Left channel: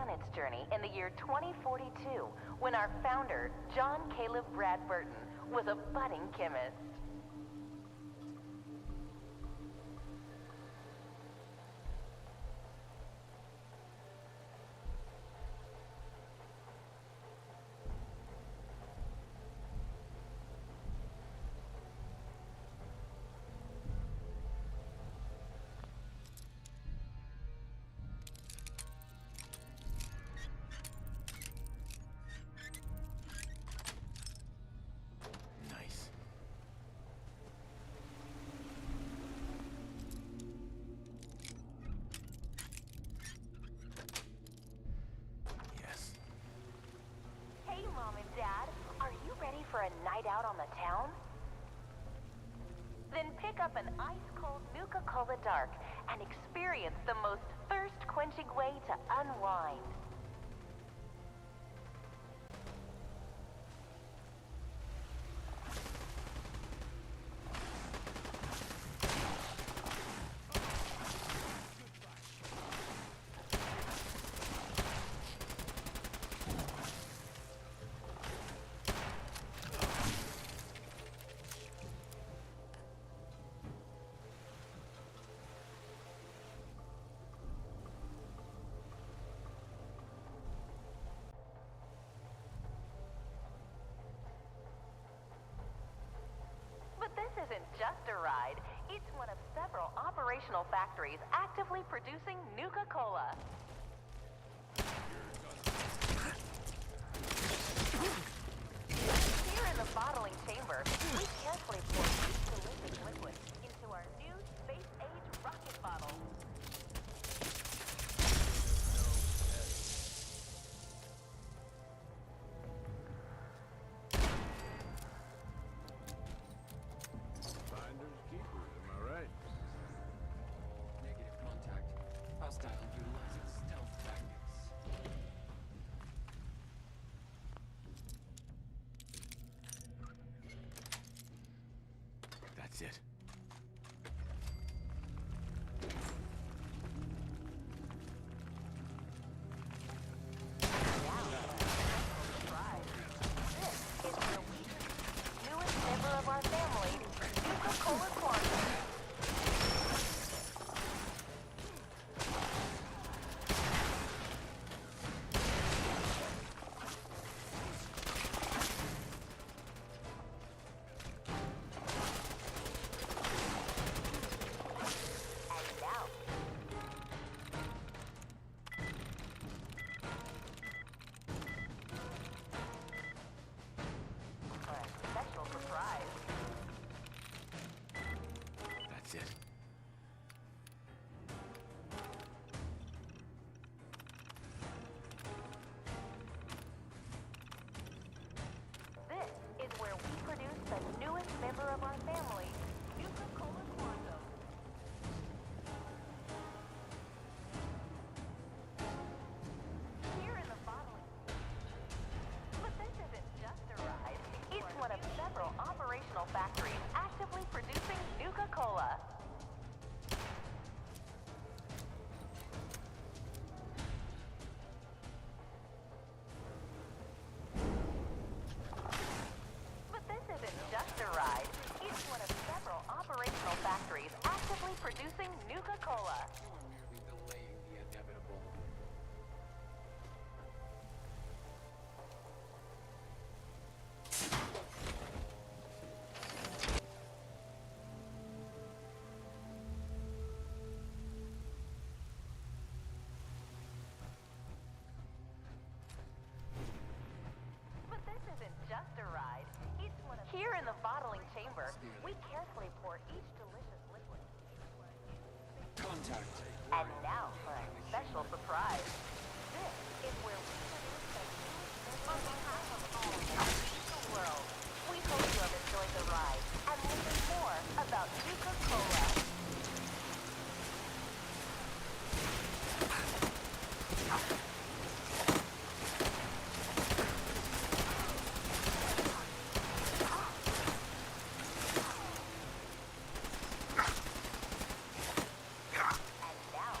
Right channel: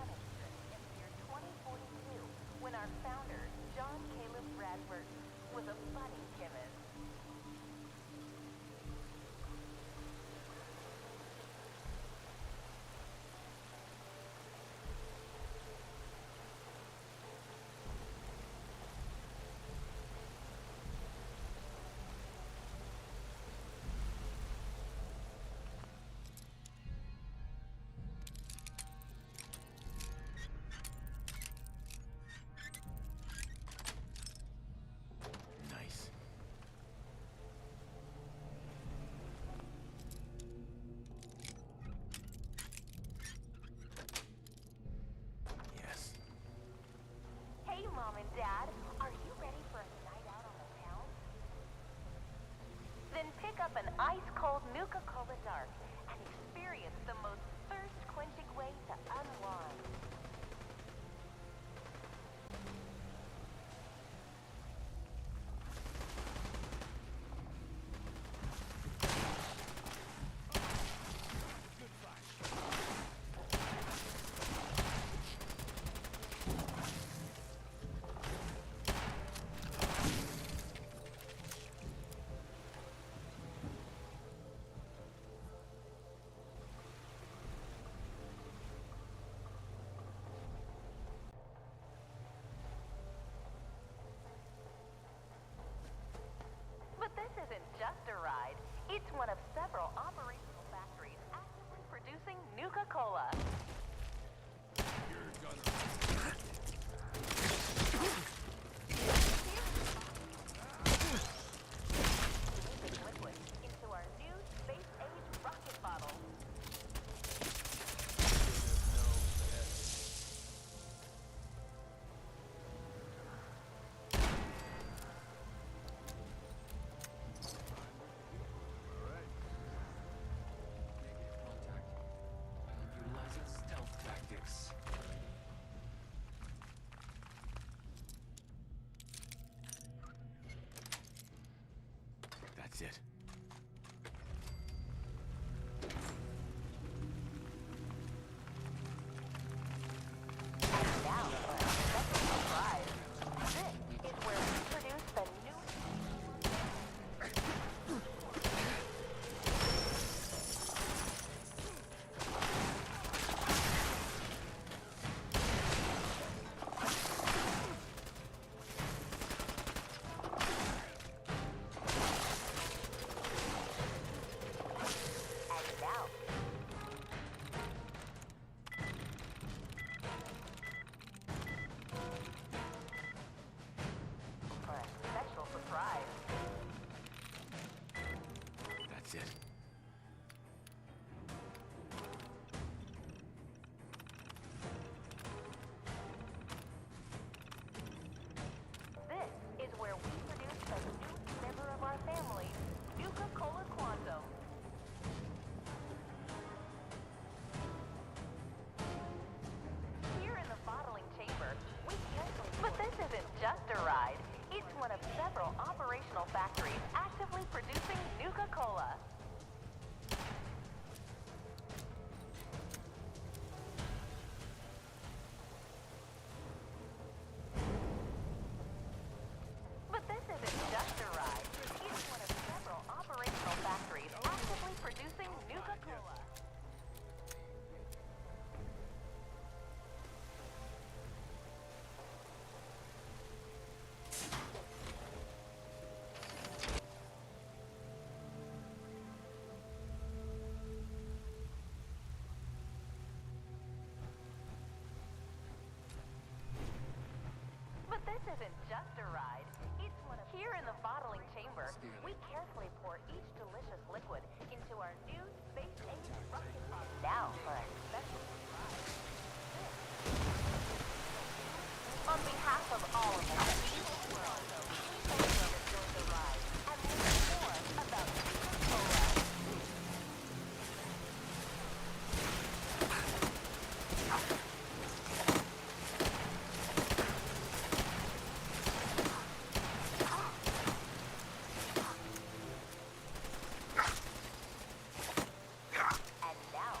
began its journey in the year 2042, when our founder, John Caleb Bradburton, was a budding chemist. Mom and Dad, are you ready for a night out on the town? Then pick up an ice-cold Nuka-Cola Dark and experience the most thirst-quenching way to unwind. This isn't just a ride. It's one of several operational factories actively producing Nuka-Cola. Here in the bottling chamber, we carefully pour each liquid into our new space-age rocket bottle. That's it. Now for a special surprise. This is where we produce the newest member of our family, Nuka-Cola Quantum. Surprise. That's it. This is where we produce the newest member of our family, Nuka-Cola Quantum. Here in the bottling chamber, but this isn't just a ride. It's one of several operational factories actively producing Nuka-Cola. But this isn't just a ride. It's one of several operational factories actively producing Nuka-Cola. This isn't just a ride. It's one of... Here in the bottling chamber, we carefully pour each delicious liquid into our new space... Contact. And now for a special surprise. This is where we produce the newest... On behalf of all of us in the world, we hope you have enjoyed the ride and learn more about Nuka-Cola. And now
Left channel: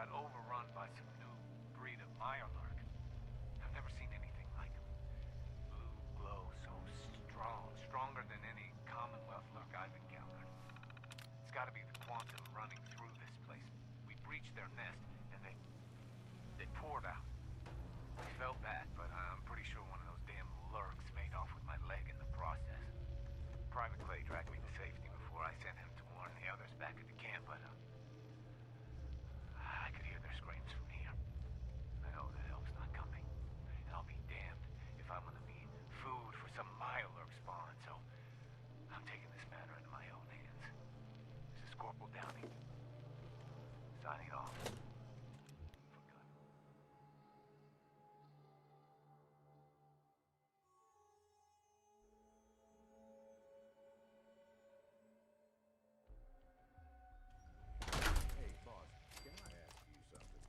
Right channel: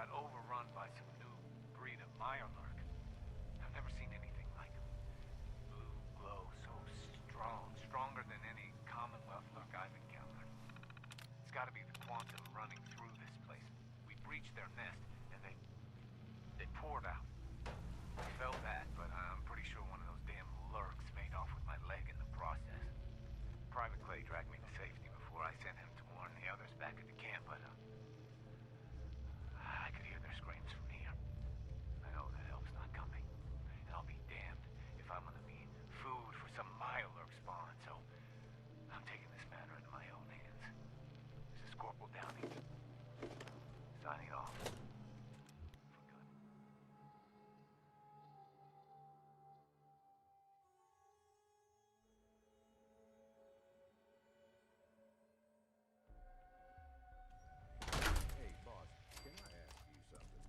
got overrun by some new breed of Mirelurk. I've never seen anything like them. Blue glow, so strong, stronger than any Commonwealth lurk I've encountered. It's gotta be the quantum running through this place. We breached their nest, and they poured out. I felt bad, but I'm pretty sure one of those damn lurks made off with my leg in the process. Private Clay dragged me to safety before I sent him to warn the others back at the camp, but I could hear their screams from here. I know that help's not coming, and I'll be damned if I'm gonna be food for some Mirelurk spawn, so I'm taking this matter into my own hands. This is Corporal Downey, signing off. For good. Hey, boss, can I ask you something?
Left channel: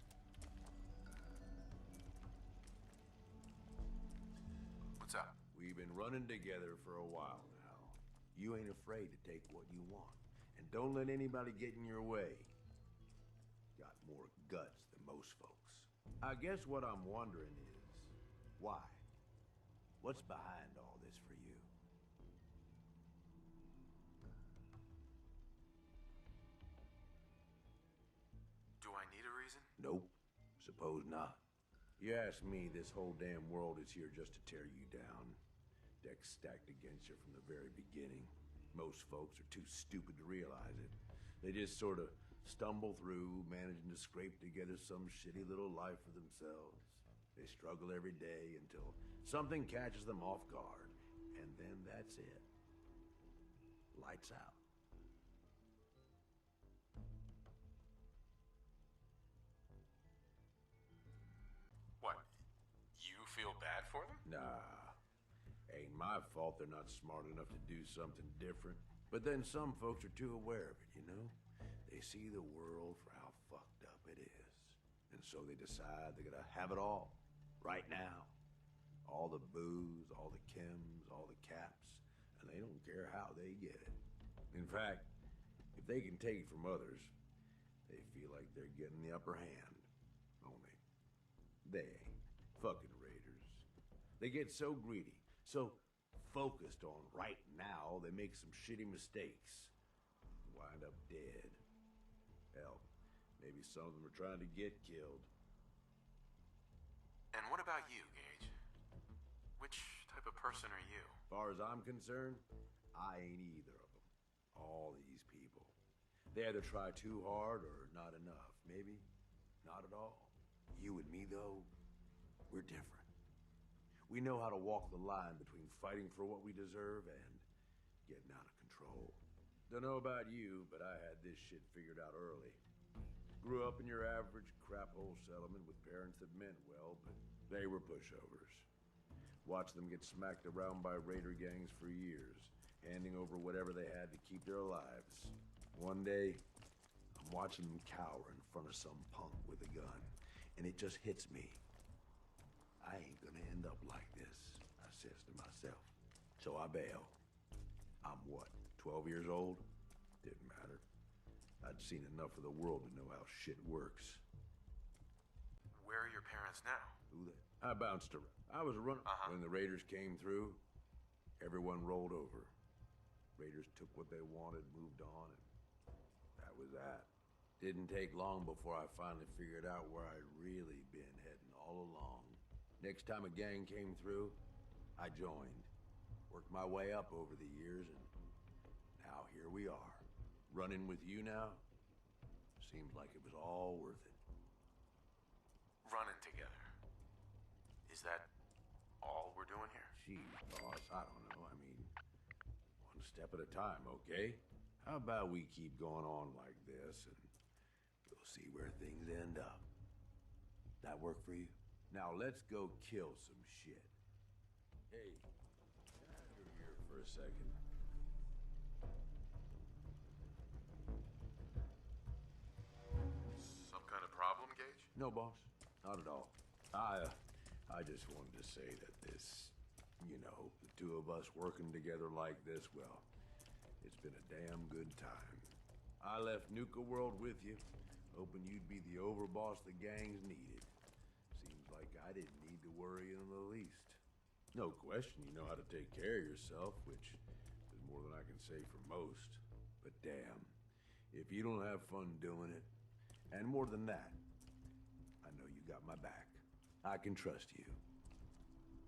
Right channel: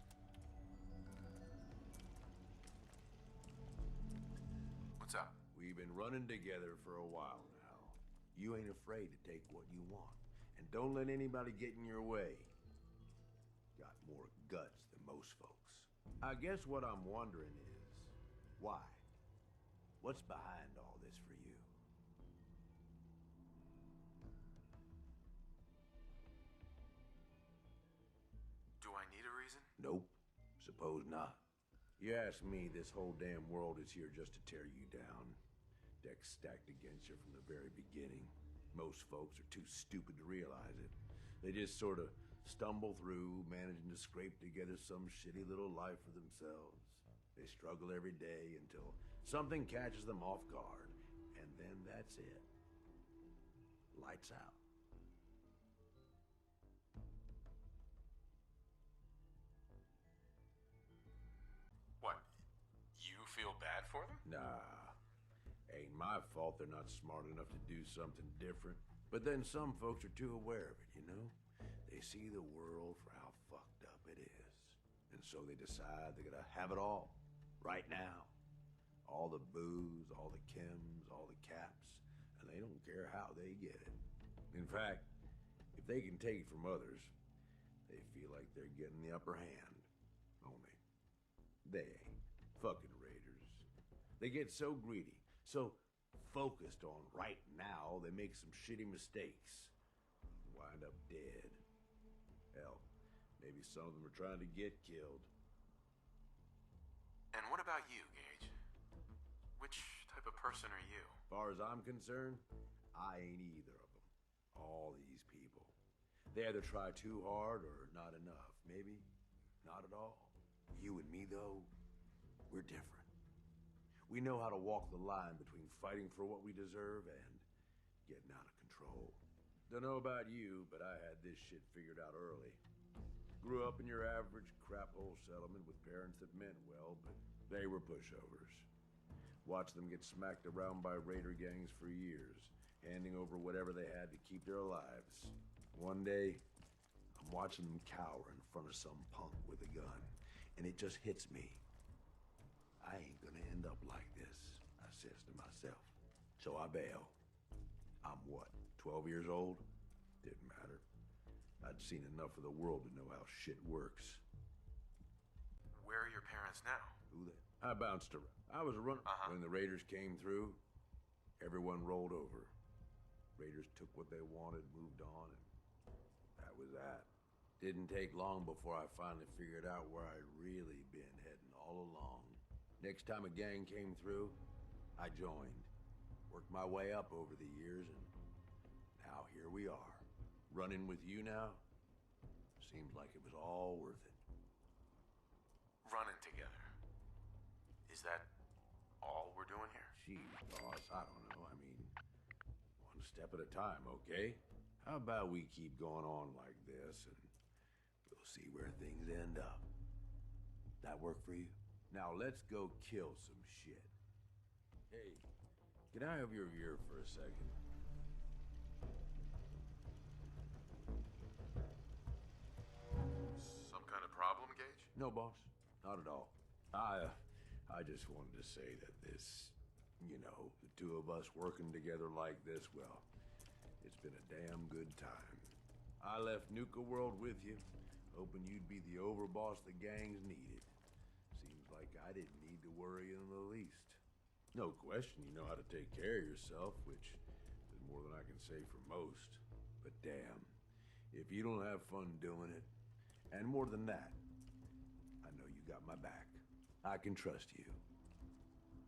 What's up? We've been running together for a while now. You ain't afraid to take what you want. And don't let anybody get in your way. Got more guts than most folks. I guess what I'm wondering is, why? What's behind all this for you? Do I need a reason? Nope. Suppose not. You ask me, this whole damn world is here just to tear you down. Decks stacked against you from the very beginning. Most folks are too stupid to realize it. They just sort of stumble through, managing to scrape together some shitty little life for themselves. They struggle every day until something catches them off guard, and then that's it. Lights out. What? You feel bad for them? Nah. Ain't my fault they're not smart enough to do something different. But then some folks are too aware of it, you know? They see the world for how fucked up it is. And so they decide they're gonna have it all. Right now. All the booze, all the chems, all the caps. And they don't care how they get it. In fact, if they can take it from others, they feel like they're getting the upper hand. Only, they ain't. Fucking raiders. They get so greedy, so focused on right now, they make some shitty mistakes. Wind up dead. Hell, maybe some of them are trying to get killed. And what about you, Gage? Which type of person are you? As far as I'm concerned, I ain't either of them. All these people. They either try too hard or not enough. Maybe not at all. You and me, though, we're different. We know how to walk the line between fighting for what we deserve and getting out of control. Don't know about you, but I had this shit figured out early. Grew up in your average crap-hole settlement with parents that meant well, but they were pushovers. Watched them get smacked around by raider gangs for years, handing over whatever they had to keep their lives. One day, I'm watching them cower in front of some punk with a gun, and it just hits me. I ain't gonna end up like this, I says to myself. So I bail. I'm what, 12 years old? Didn't matter. I'd seen enough of the world to know how shit works. Where are your parents now? Who that? I bounced around. I was running. When the raiders came through, everyone rolled over. Raiders took what they wanted, moved on, and that was that. Didn't take long before I finally figured out where I'd really been heading all along. Next time a gang came through, I joined. Worked my way up over the years, and now here we are. Running with you now, seems like it was all worth it. Running together. Is that all we're doing here? Gee, boss, I don't know. I mean, one step at a time, okay? How about we keep going on like this, and we'll see where things end up. That work for you? Now let's go kill some shit. Hey, can I have your ear for a second? Some kind of problem, Gage? No, boss. Not at all. I just wanted to say that this, you know, the two of us working together like this, well, it's been a damn good time. I left Nuka-World with you, hoping you'd be the overboss the gangs needed. Seems like I didn't need to worry in the least. No question you know how to take care of yourself, which is more than I can say for most. But damn, if you don't have fun doing it, and more than that, I know you got my back. I can trust you.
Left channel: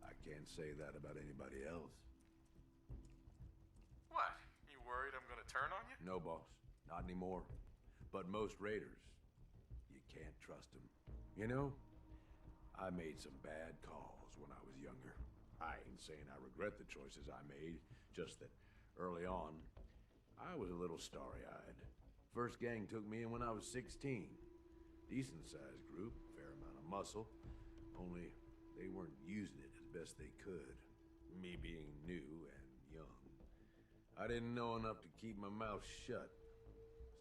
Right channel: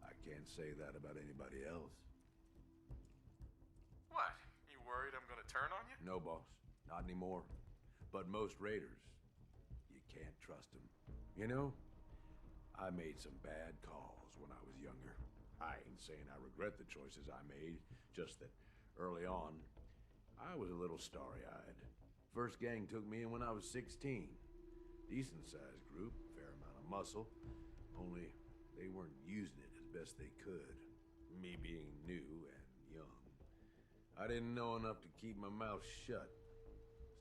I can't say that about anybody else. What? You worried I'm gonna turn on you? No, boss. Not anymore. But most raiders, you can't trust them. You know, I made some bad calls when I was younger. I ain't saying I regret the choices I made, just that early on, I was a little starry-eyed. First gang took me in when I was 16. Decent-sized group, fair amount of muscle, only they weren't using it as best they could. Me being new and young, I didn't know enough to keep my mouth shut.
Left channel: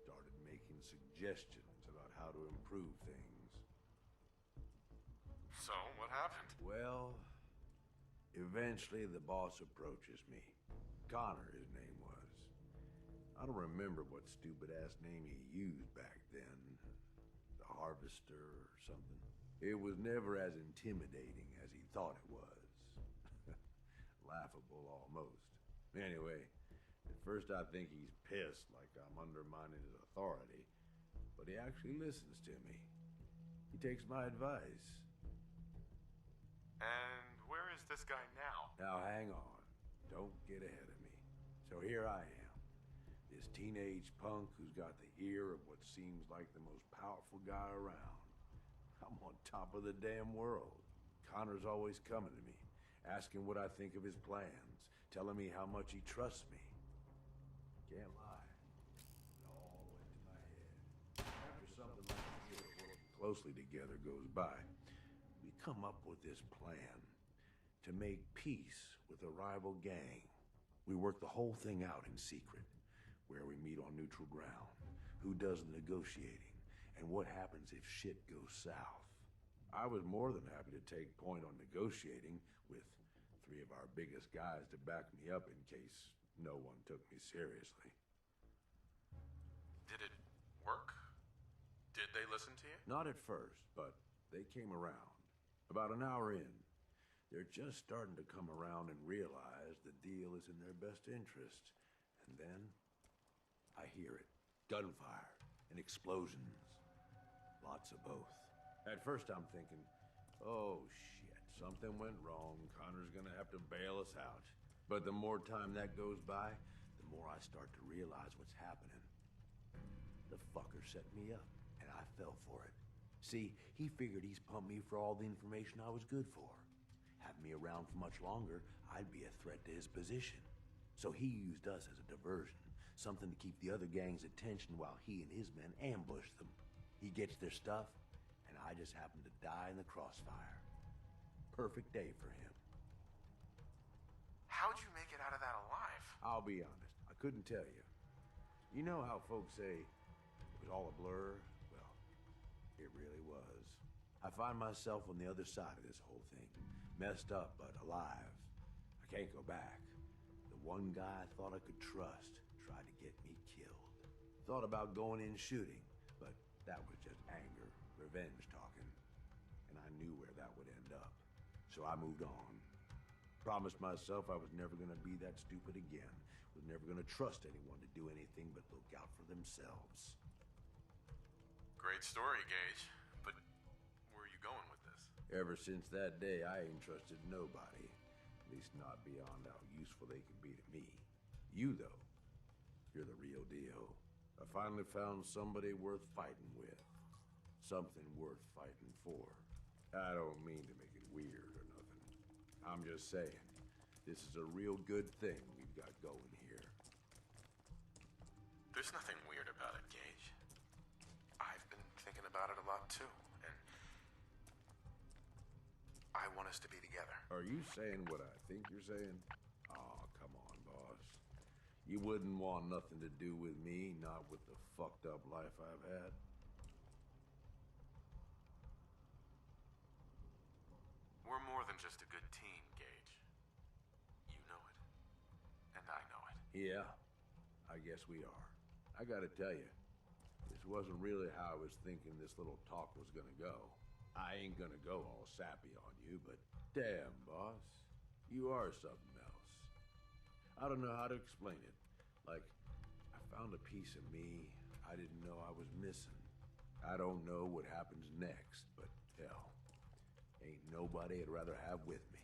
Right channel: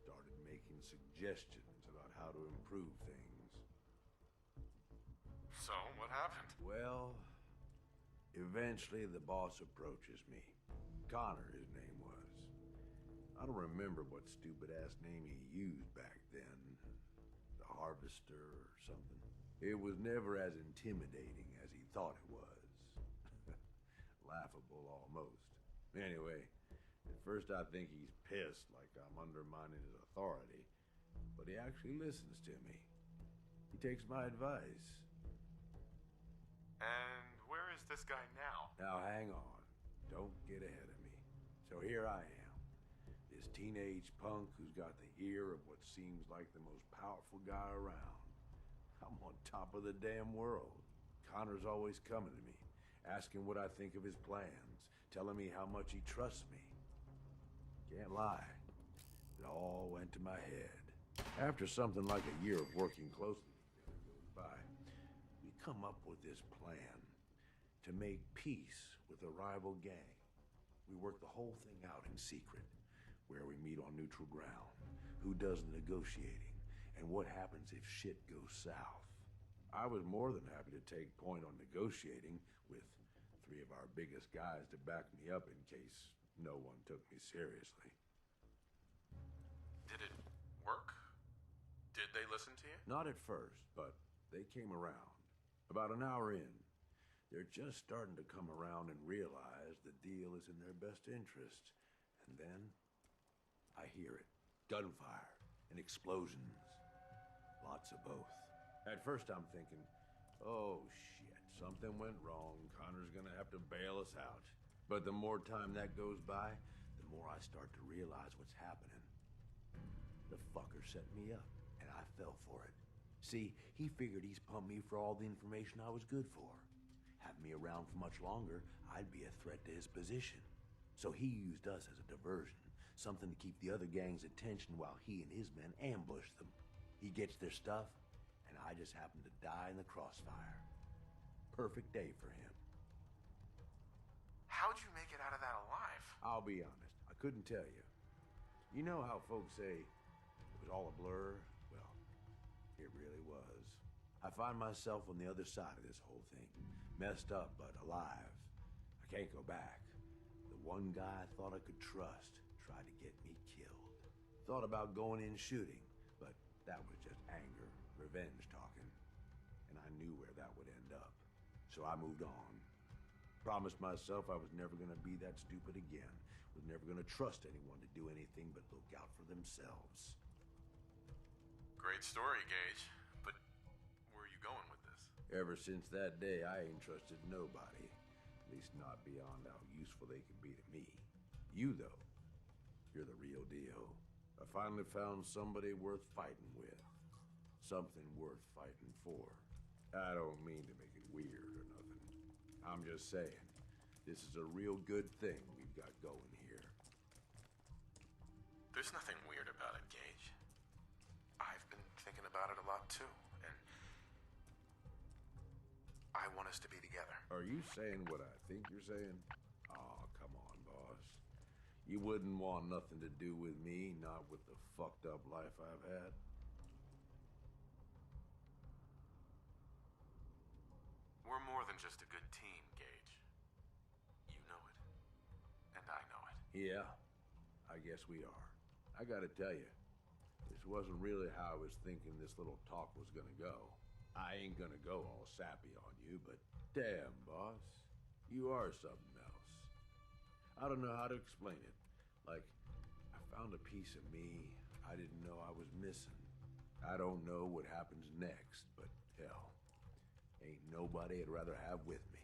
Started making suggestions about how to improve things. So, what happened? Well, eventually the boss approaches me. Connor, his name was. I don't remember what stupid-ass name he used back then. The Harvester or something. It was never as intimidating as he thought it was. Laughable almost. Anyway, at first I think he's pissed, like I'm undermining his authority. But he actually listens to me. He takes my advice. And where is this guy now? Now hang on. Don't get ahead of me. So here I am. This teenage punk who's got the ear of what seems like the most powerful guy around. I'm on top of the damn world. Connor's always coming to me, asking what I think of his plans, telling me how much he trusts me. Can't lie. It all went to my head. After something like a year of working closely together goes by, we come up with this plan to make peace with a rival gang. We work the whole thing out in secret, where we meet on neutral ground, who does the negotiating, and what happens if shit goes south. I was more than happy to take point on negotiating with 3 of our biggest guys to back me up in case no one took me seriously. Did it work? Did they listen to you? Not at first, but they came around. About an hour in, they're just starting to come around and realize the deal is in their best interest. And then, I hear it. Gunfire and explosions. Lots of both. At first I'm thinking, oh shit, something went wrong. Connor's gonna have to bail us out. But the more time that goes by, the more I start to realize what's happening. The fucker set me up, and I fell for it. See, he figured he's pumped me for all the information I was good for. Having me around for much longer, I'd be a threat to his position. So he used us as a diversion, something to keep the other gang's attention while he and his men ambushed them. He gets their stuff, and I just happen to die in the crossfire. Perfect day for him. How'd you make it out of that alive? I'll be honest, I couldn't tell you. You know how folks say it was all a blur? Well, it really was. I find myself on the other side of this whole thing. Messed up, but alive. I can't go back. The one guy I thought I could trust tried to get me killed. Thought about going in shooting, but that was just anger, revenge talking. And I knew where that would end up. So I moved on. Promised myself I was never gonna be that stupid again. Was never gonna trust anyone to do anything but look out for themselves. Great story, Gage. But where are you going with this? Ever since that day, I ain't trusted nobody. At least not beyond how useful they could be to me. You, though, you're the real deal. I finally found somebody worth fighting with. Something worth fighting for. I don't mean to make it weird or nothing. I'm just saying, this is a real good thing we've got going here. There's nothing weird about it, Gage. I've been thinking about it a lot too, and I want us to be together. Are you saying what I think you're saying? Oh, come on, boss. You wouldn't want nothing to do with me, not with the fucked up life I've had. We're more than just a good team, Gage. You know it, and I know it. Yeah, I guess we are. I gotta tell you, this This wasn't really how I was thinking this little talk was gonna go. I ain't gonna go all sappy on you, but damn, boss, you are something else. I don't know how to explain it. Like, I found a piece of me I didn't know I was missing. I don't know what happens next, but hell, ain't nobody I'd rather have with me.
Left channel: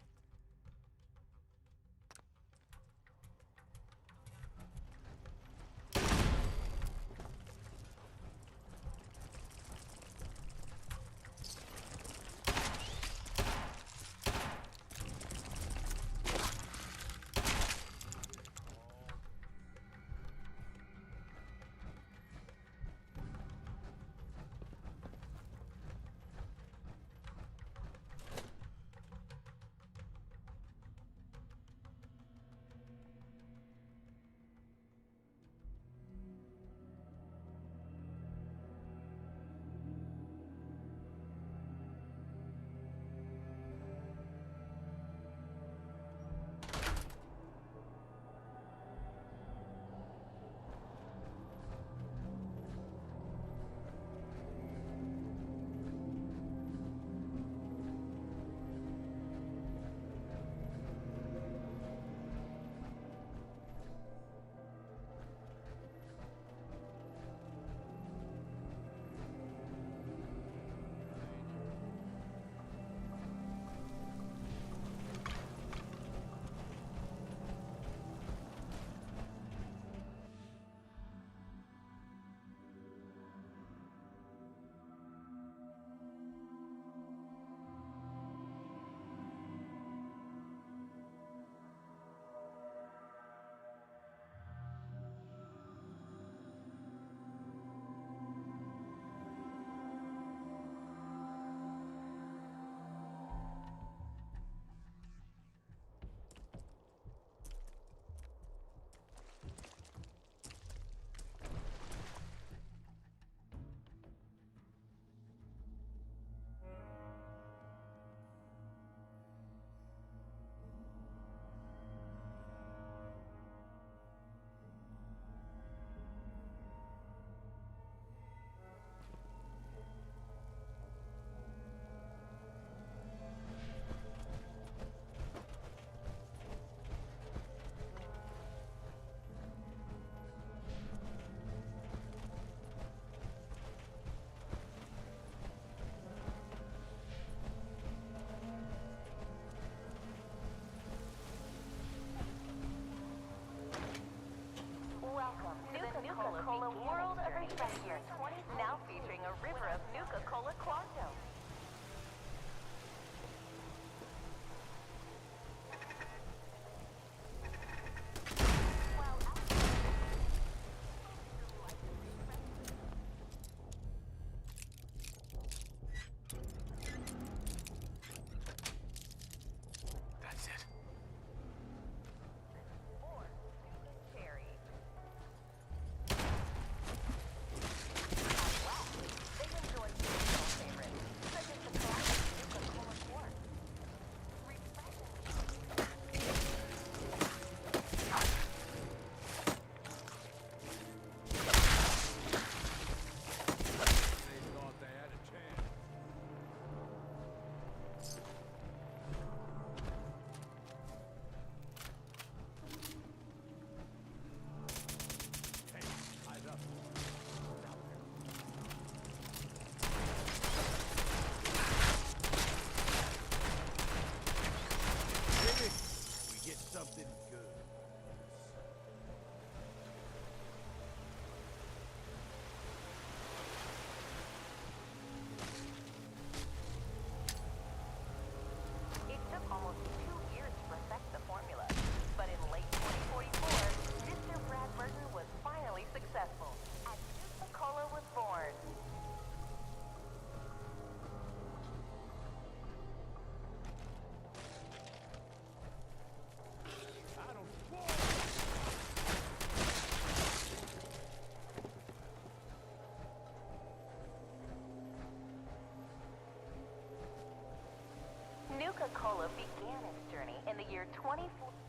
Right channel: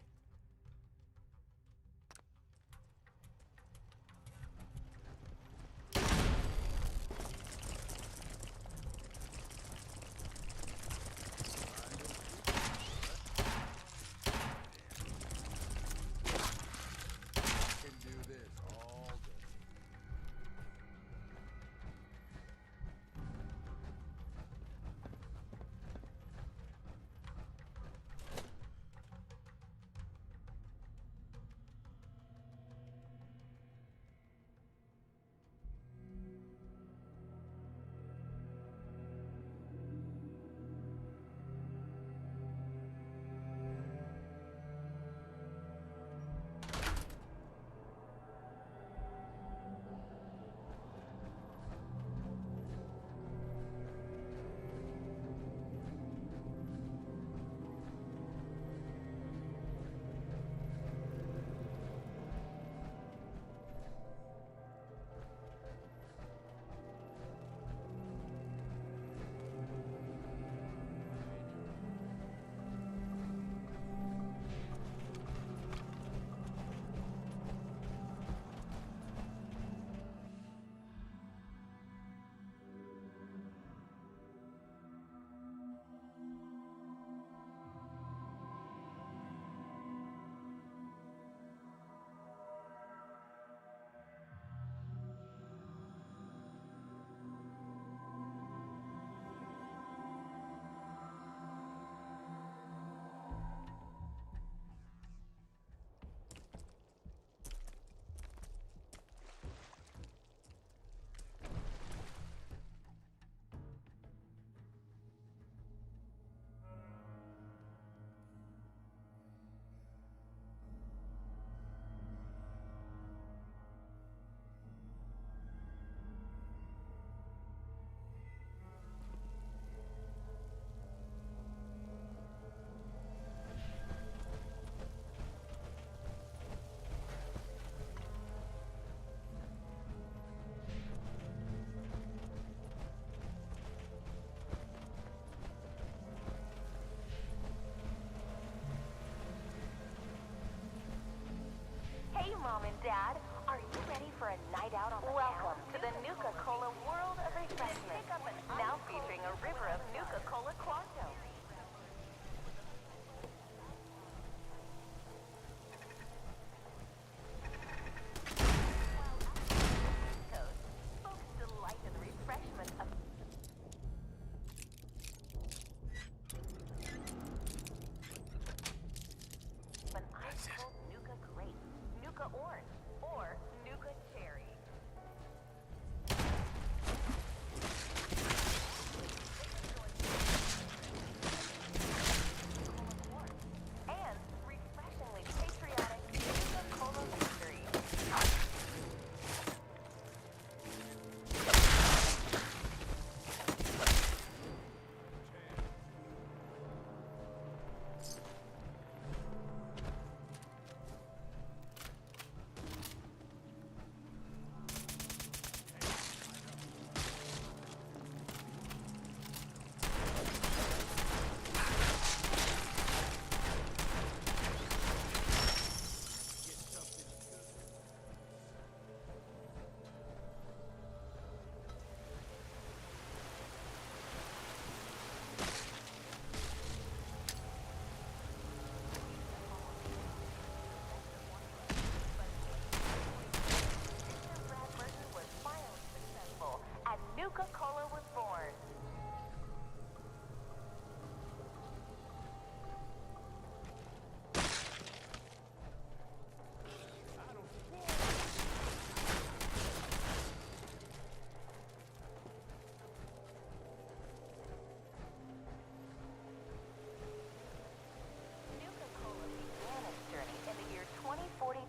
Nuka-Cola began its journey in the year 2042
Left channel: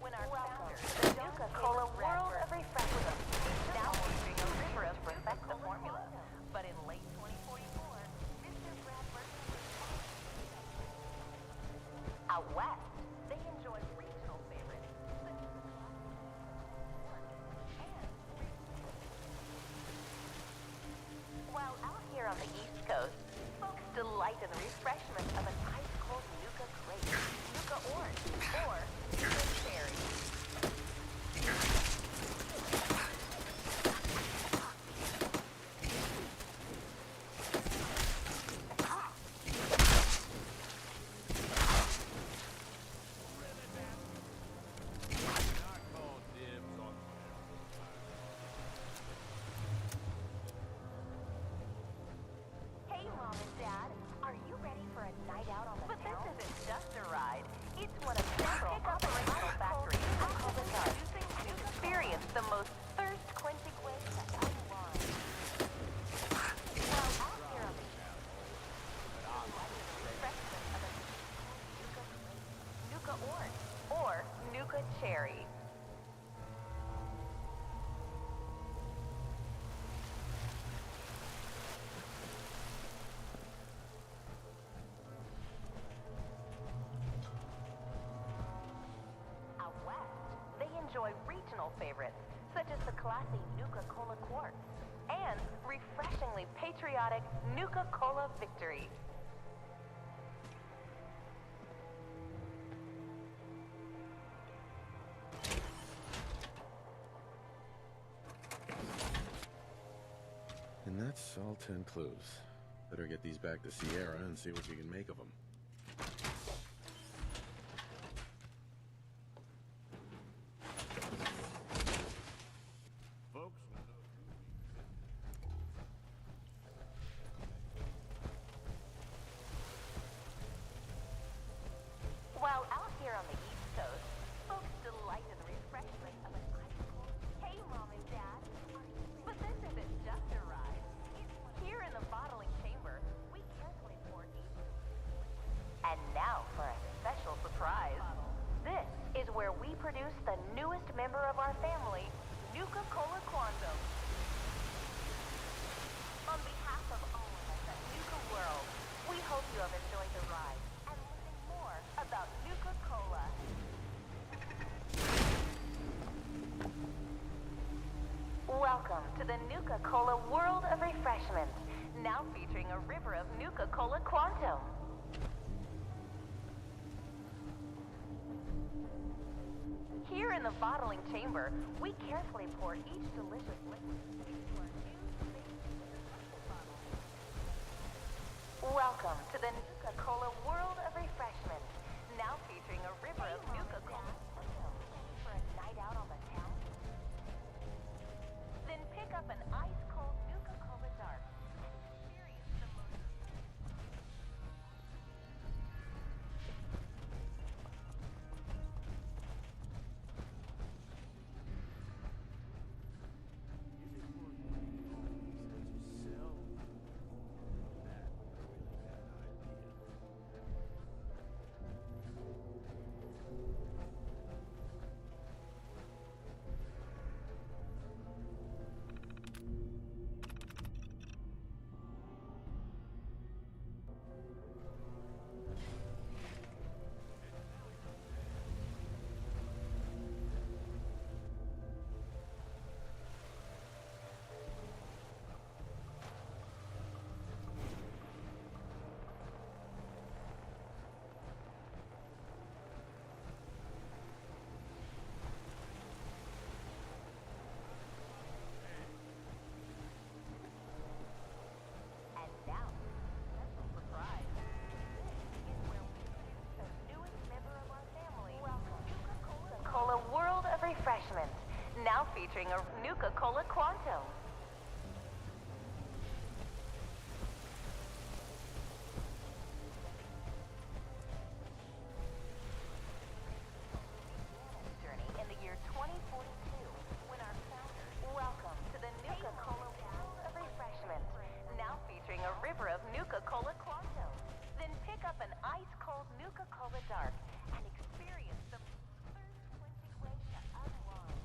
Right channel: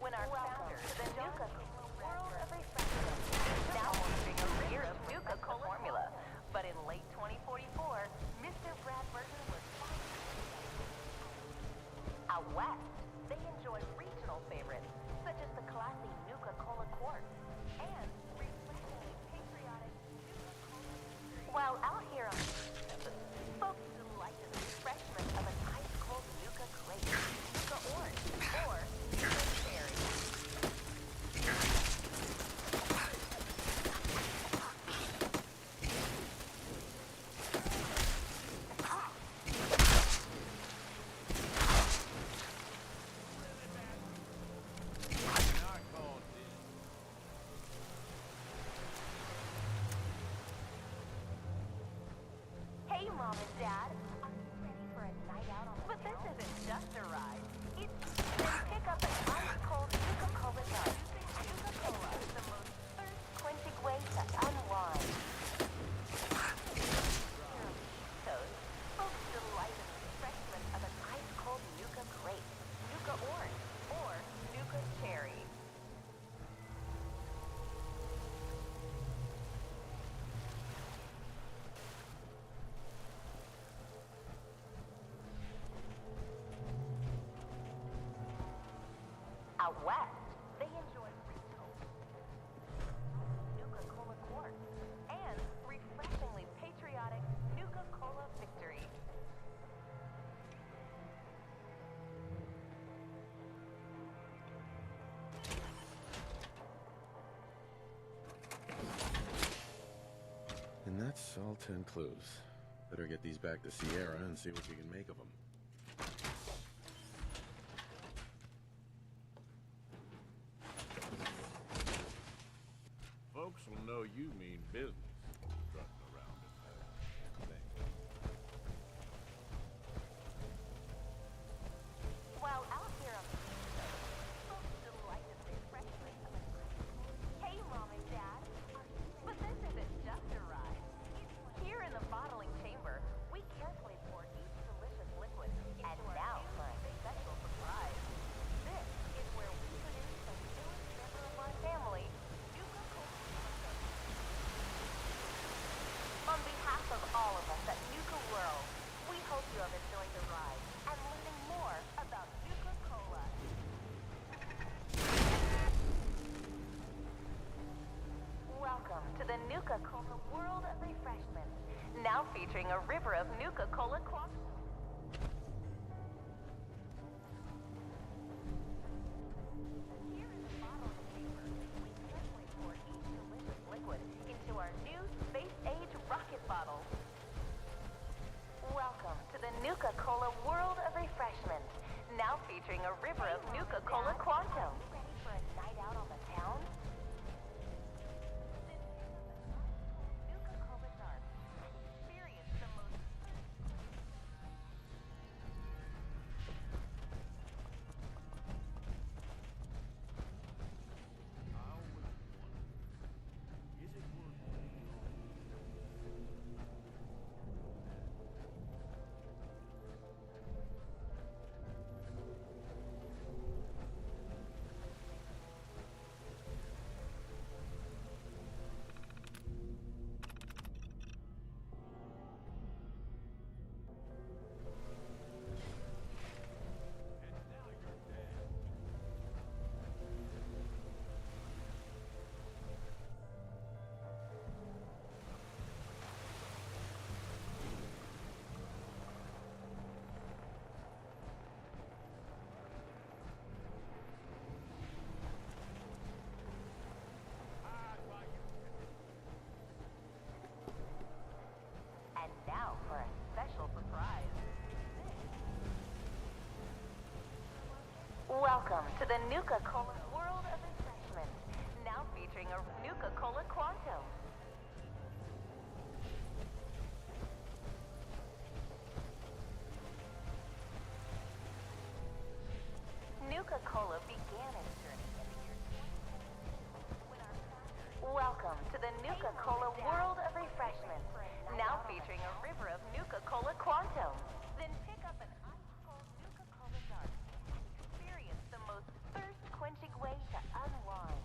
when our founder, the Nuka-Cola World of Refreshment, is now using a river of Nuka-Cola formula. But in late 2044, Mr. Brad Burton was out west. They enjoy regional favorites such as the classic Nuka-Cola Quartz and while out here on the East Coast, folks delight in the refreshment of an ice-cold Nuka Grape, Nuka Orange, or Nuka Cherry. Hey, Mom and Dad, are you ready for a night out on the town? But this isn't just a ride. It's one of several pick up an ice-cold Nuka-Cola Dark and experience the most thirst-quenching way to unwind. Out here on the East Coast, folks delight in the refreshment of an ice-cold Nuka Grape, Nuka Orange, or Nuka Cherry. Out west, they enjoy regional favorites, such as the classic Nuka-Cola Quartz and refreshingly patriotic Nuka-Cola Victory. And that's all 10 clues. Better get these back to Sierra and see what you can make of them. Folks will know you mean business. Strutting around in the thing. While out here on the East Coast, folks delight in the refreshment of an ice-cold. Hey, Mom and Dad, but this isn't just a ride. Here in the bottling chamber, we carefully pour each delicious liquid. And now for a special surprise. This is where we produce the newest member of our family, Nuka-Cola Quantum. On behalf of all of us at Nuka-World, we hope you have enjoyed the ride and learning more about Nuka-Cola. Welcome to the Nuka-Cola World of Refreshment, now featuring a river of Nuka-Cola Quantum. Here in the bottling chamber, we carefully pour each delicious liquid into our new space-age rocket bottle. Welcome to the Nuka-Cola World of Refreshment, now featuring a river of Nuka-Cola Quantum. Ready for a night out on the town? Then pick up an ice-cold Nuka-Cola Dark and experience the most... Is it worth putting all these to sell? And now for a special surprise. Welcome to the Nuka-Cola World of Refreshment, now featuring a Nuka-Cola Quantum. Nuka-Cola began its journey in the year 2042 when our founder... Welcome to the Nuka-Cola World of Refreshment, now featuring a river of Nuka-Cola Quantum. Then pick up an ice-cold Nuka-Cola Dark and experience the most thirst-quenching way to unwind.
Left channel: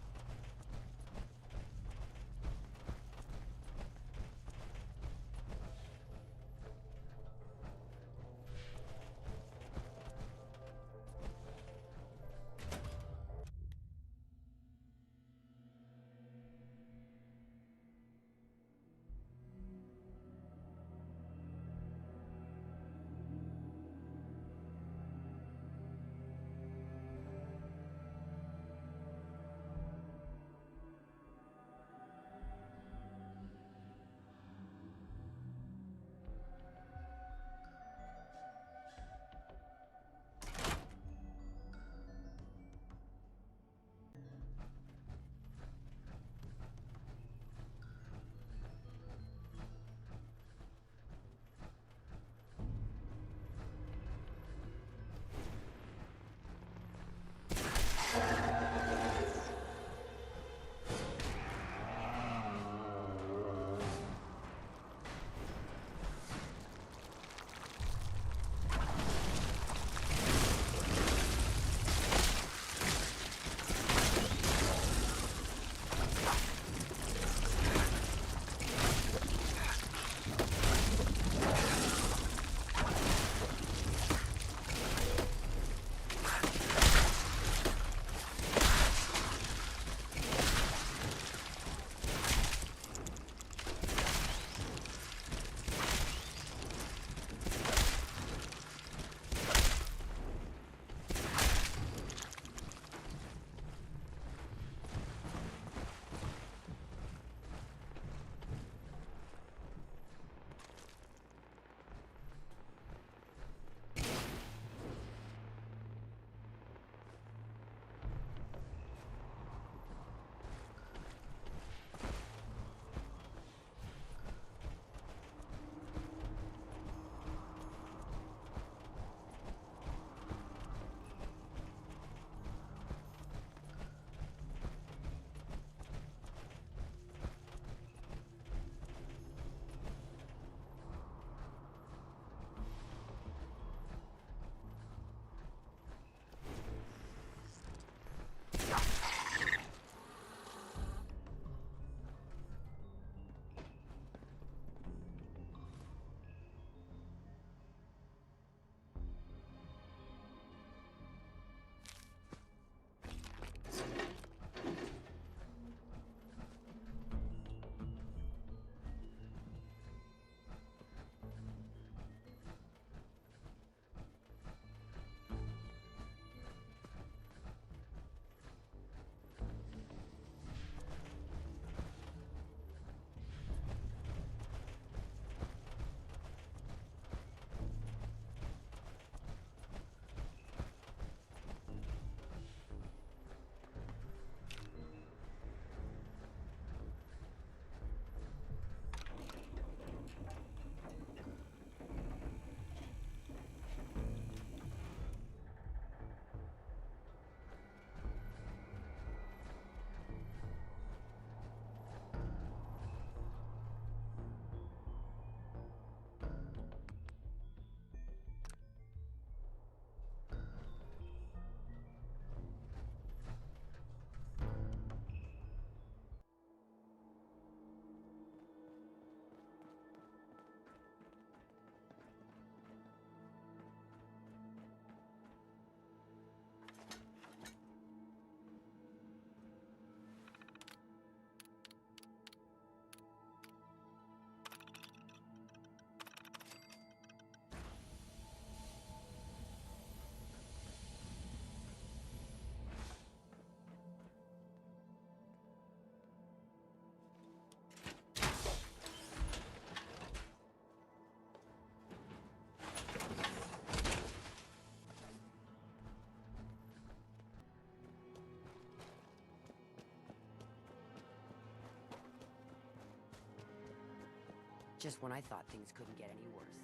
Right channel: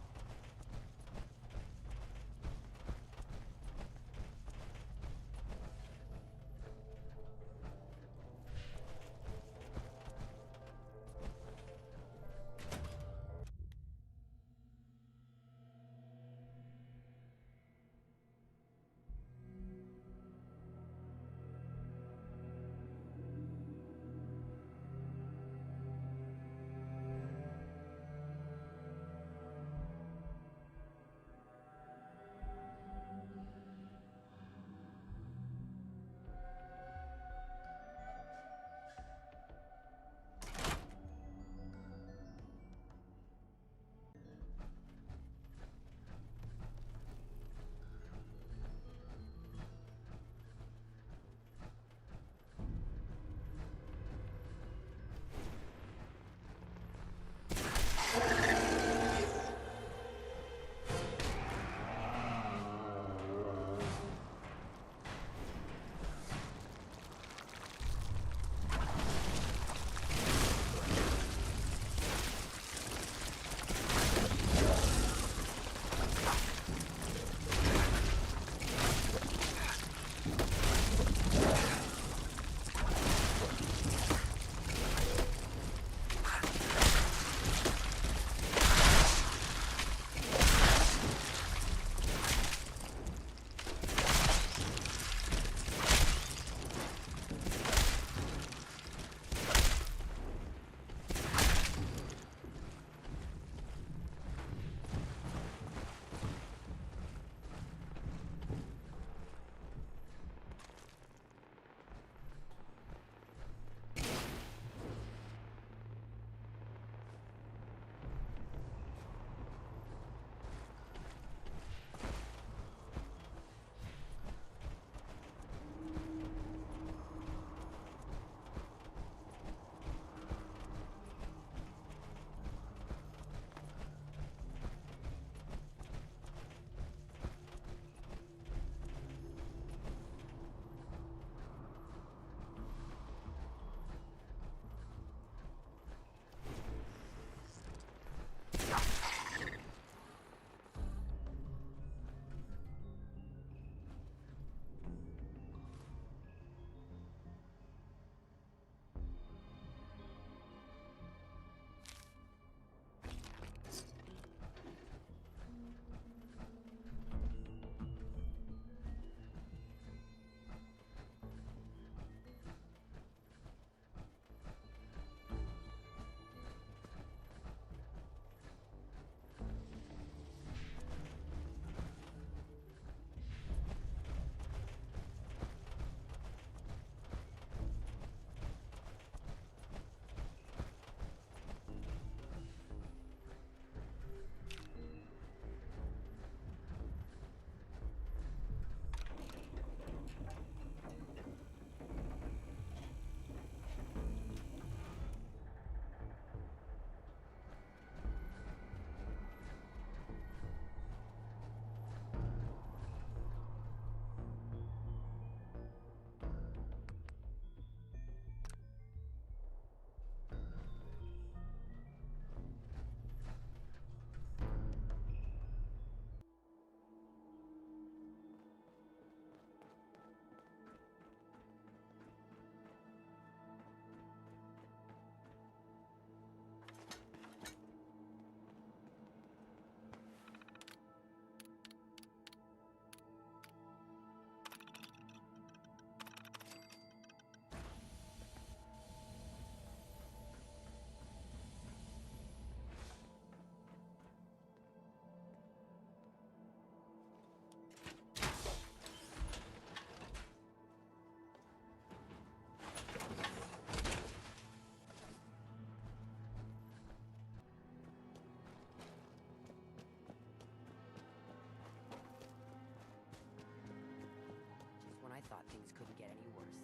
Just when I thought things couldn't get any worse.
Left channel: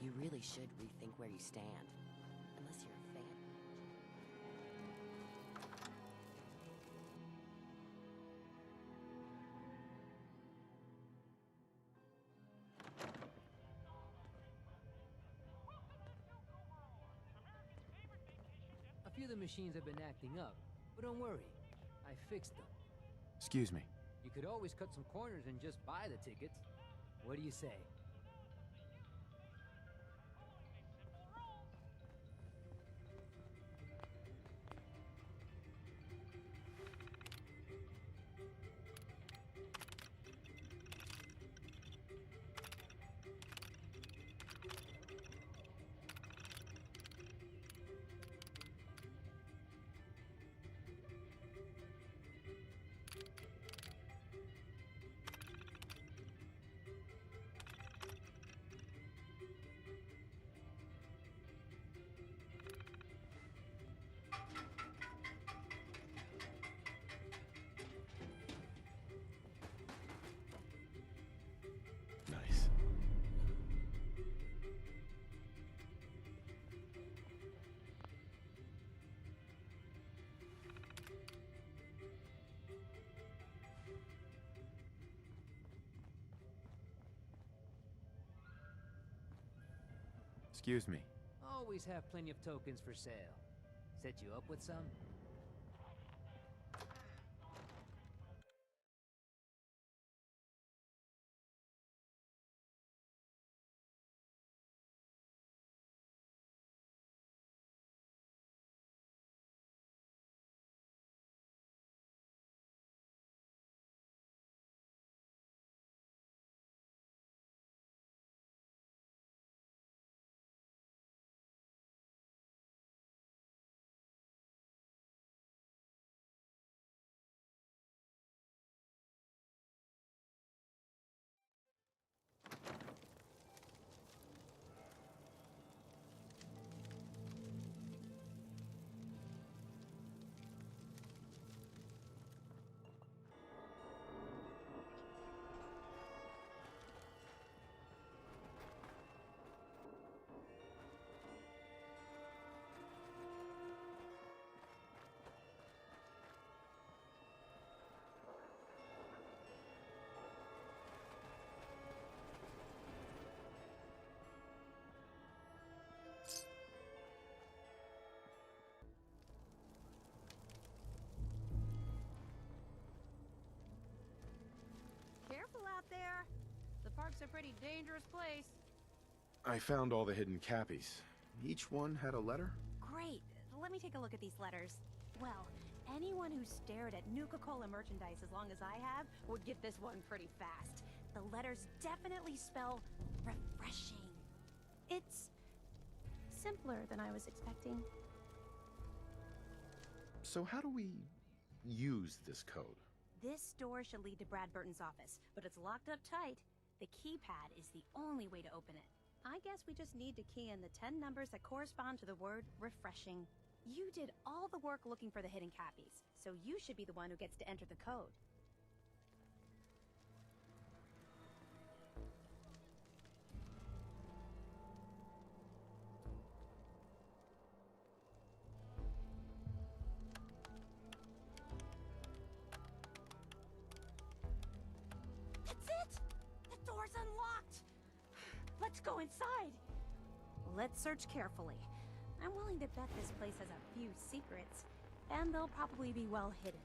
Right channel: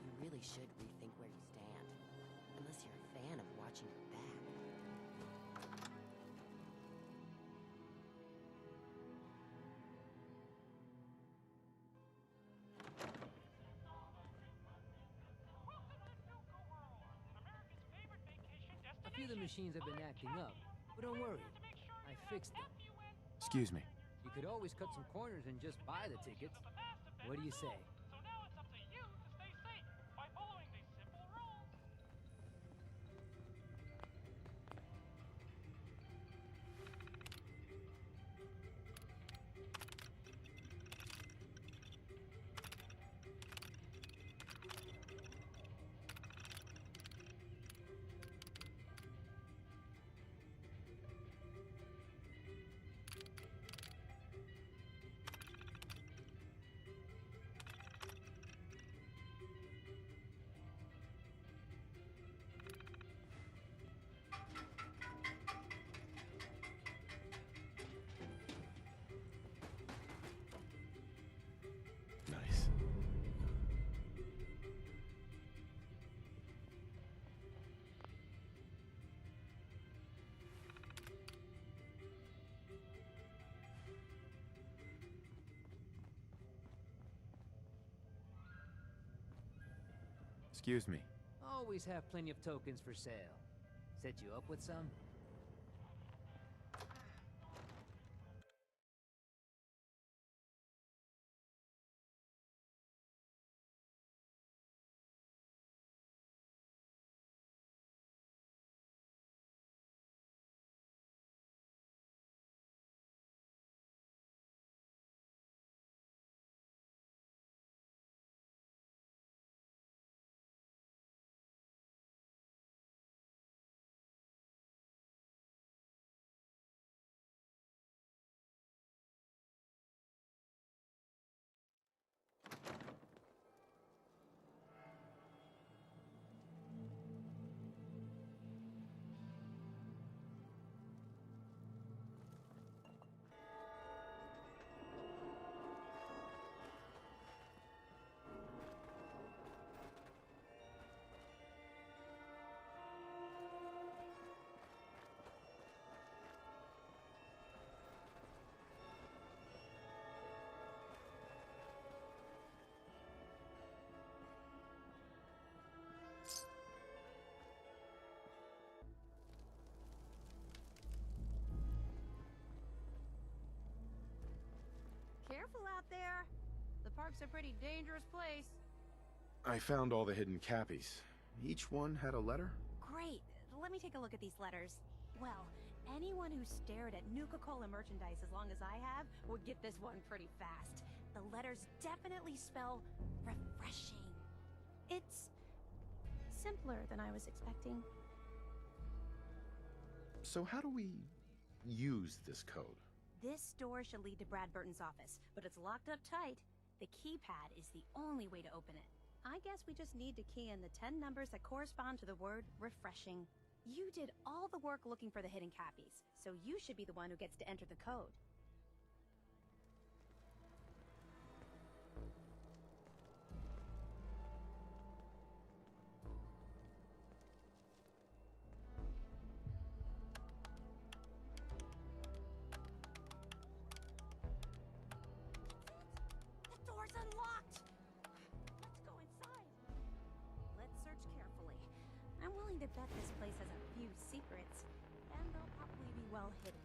You really should rethink where you stand. Unless you're a fan of watching it back. Maybe the machines have been acting up, but don't worry. I fixed them. Excuse me. You could always cut some corners and just buy the tickets. What do you say? Nice. Excuse me. Always have plenty of tokens for sale. Set you up with some? Careful out there. The park's a pretty dangerous place. I found all the hidden cappies. Each one had a letter? Great. Let me take a look at these letters. Well, anyone who stared at Nuka-Cola merchandise as long as I have would get this one pretty fast. The letters definitely spell refreshing. It's simpler than I was expecting. So how do we use this code? This door should lead to Brad Burton's office, but it's locked up tight. The keypad is the only way to open it. I guess we just need to key in the 10 numbers that correspond to the word refreshing. You did all the work looking for the hidden cappies, so you should be the one who gets to enter the code. Go inside. Let's search carefully. I'm willing to bet this place has a few secrets, and they'll probably be well hidden.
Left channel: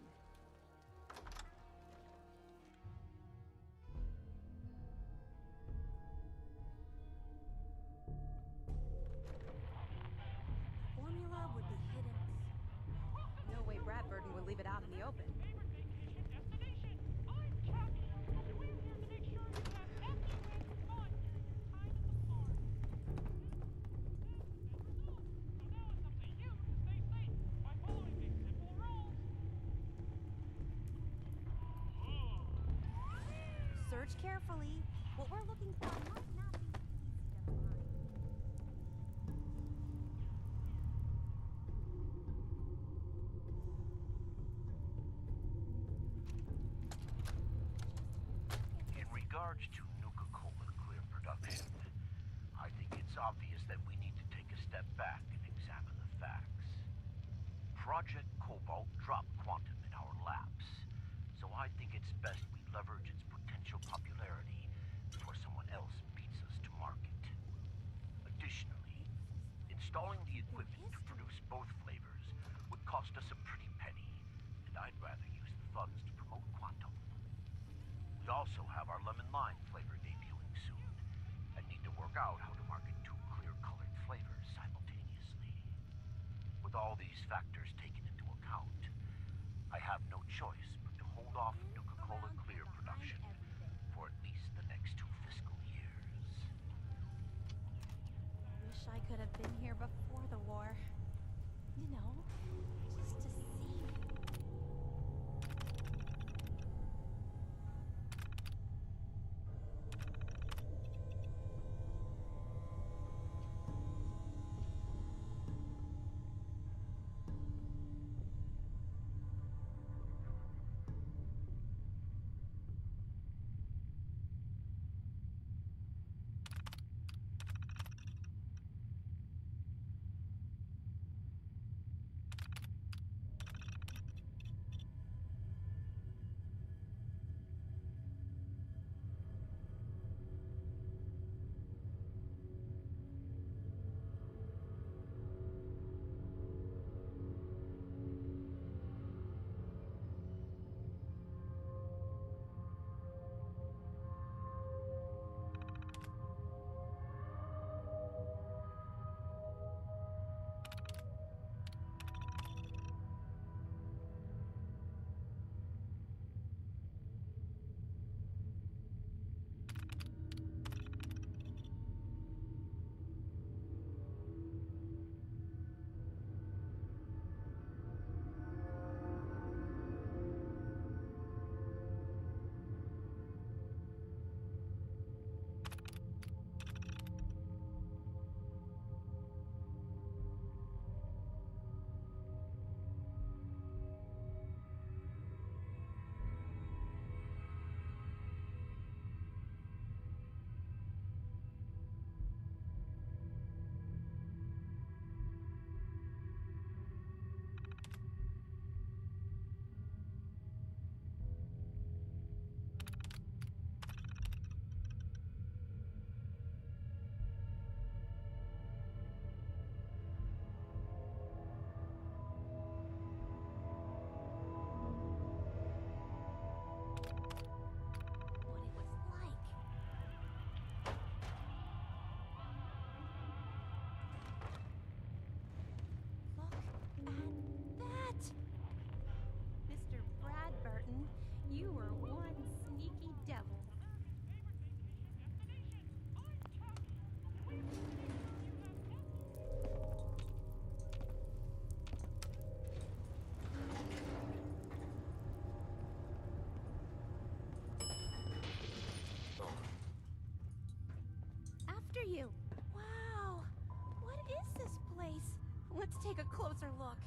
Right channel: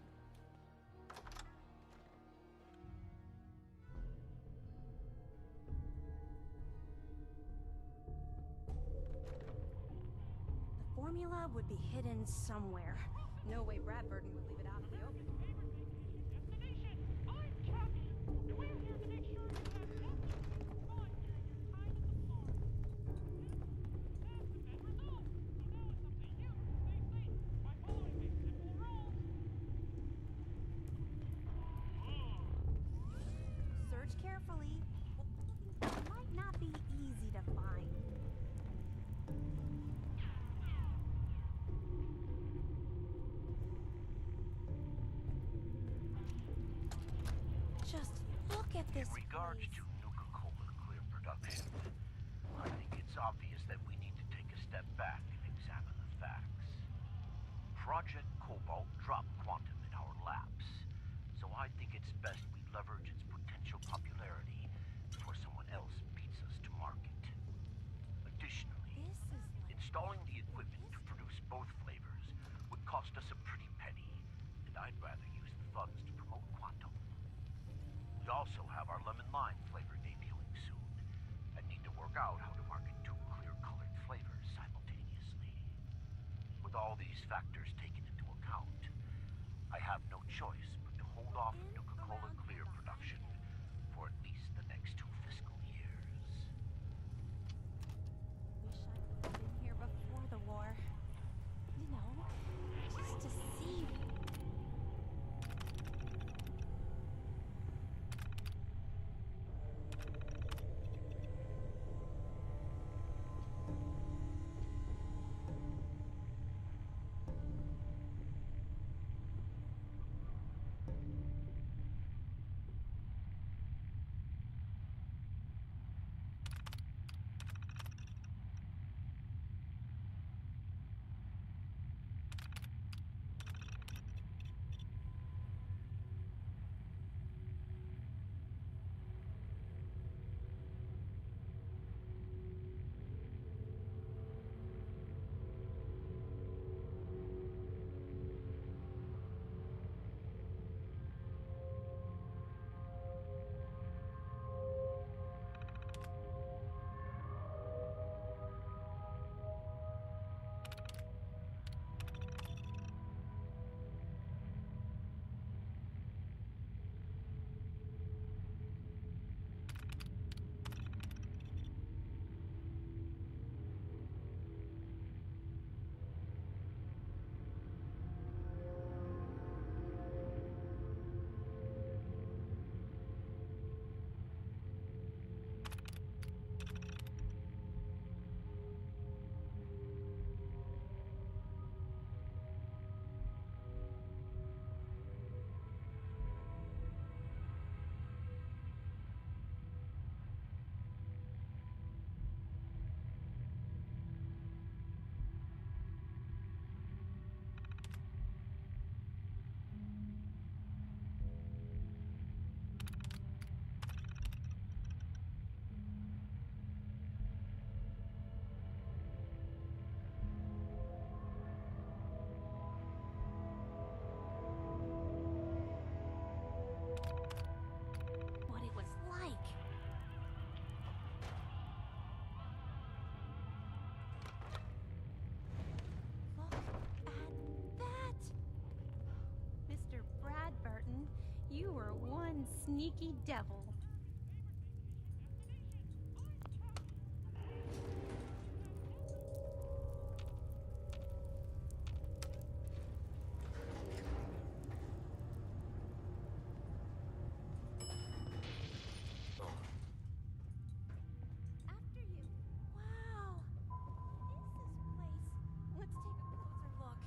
The formula would be hidden somewhere. No way Brad Burton would leave it out in the open. Search carefully. What we're looking for might not be easy to find. Just look at this. In regards place. to Nuka-Cola clear production, I think it's obvious that we need to take a step back and examine the facts. Project Cobalt dropped quantum in our labs, so I think it's best we leverage its potential popularity before someone else beats us to market. Additionally, installing the equipment to produce both flavors We also have our lemon lime flavor debuting soon, and need to work out how to market two clear-colored flavors simultaneously. With all these factors taken into account, I have no choice but to hold off Nuka-Cola Clear production for at least the next 2 fiscal years. Wish I could have been here before the war. You know, just to see. What it was like. Look at that! Mr. Bradburton, you were one sneaky devil. After you. Wow! What is this place? Let's take a closer look.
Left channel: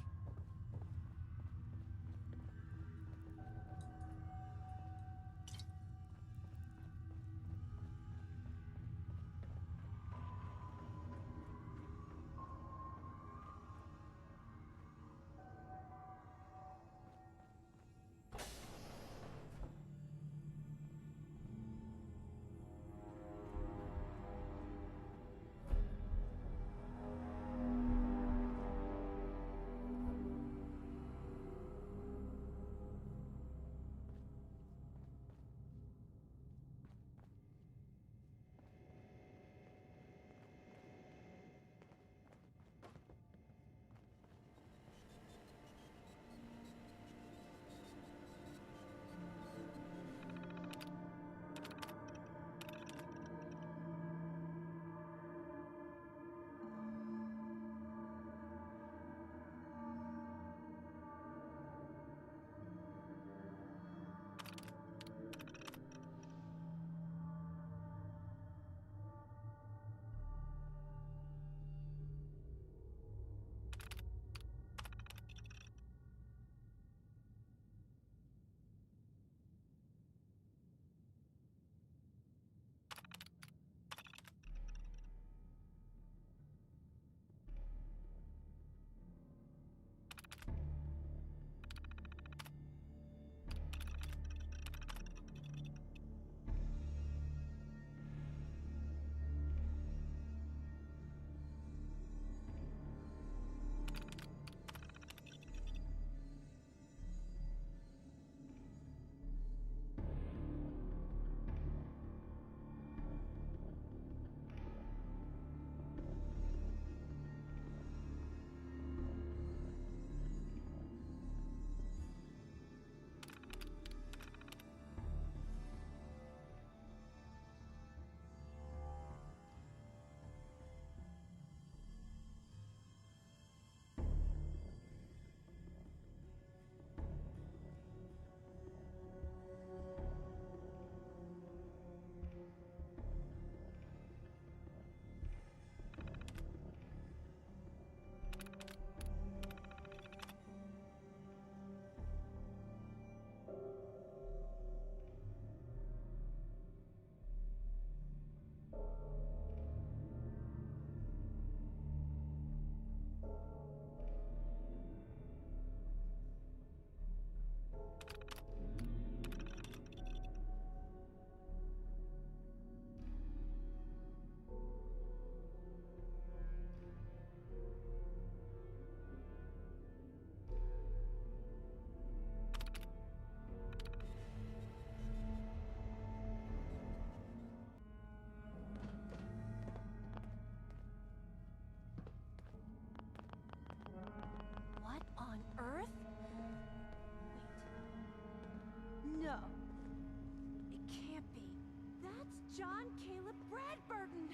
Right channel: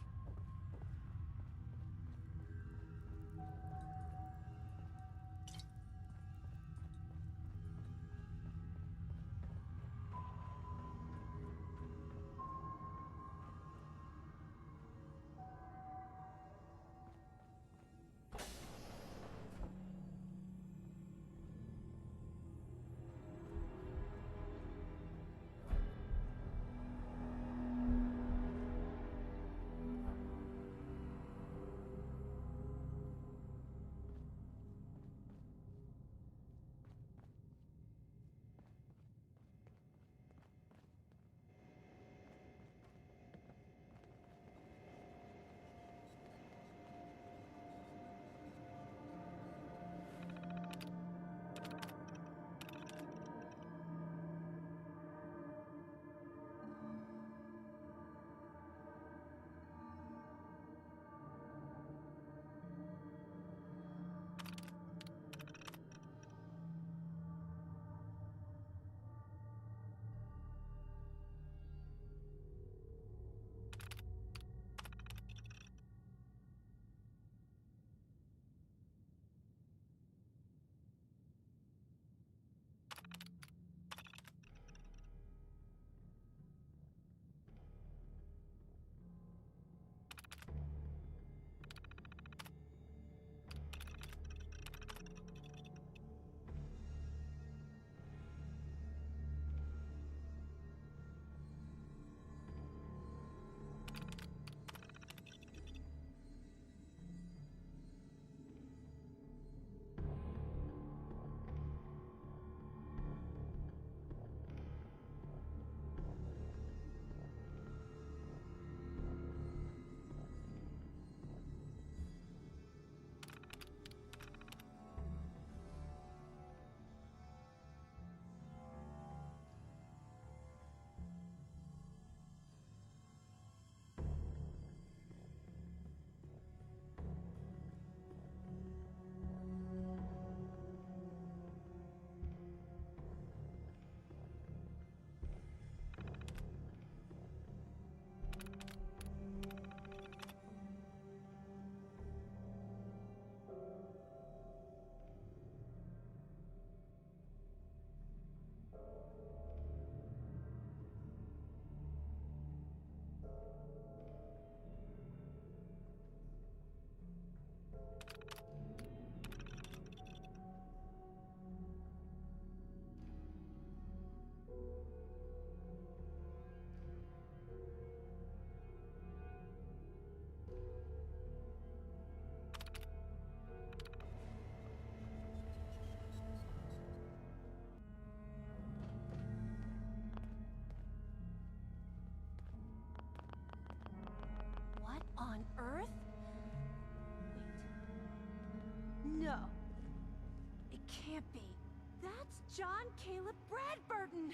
John Caleb Bradburton!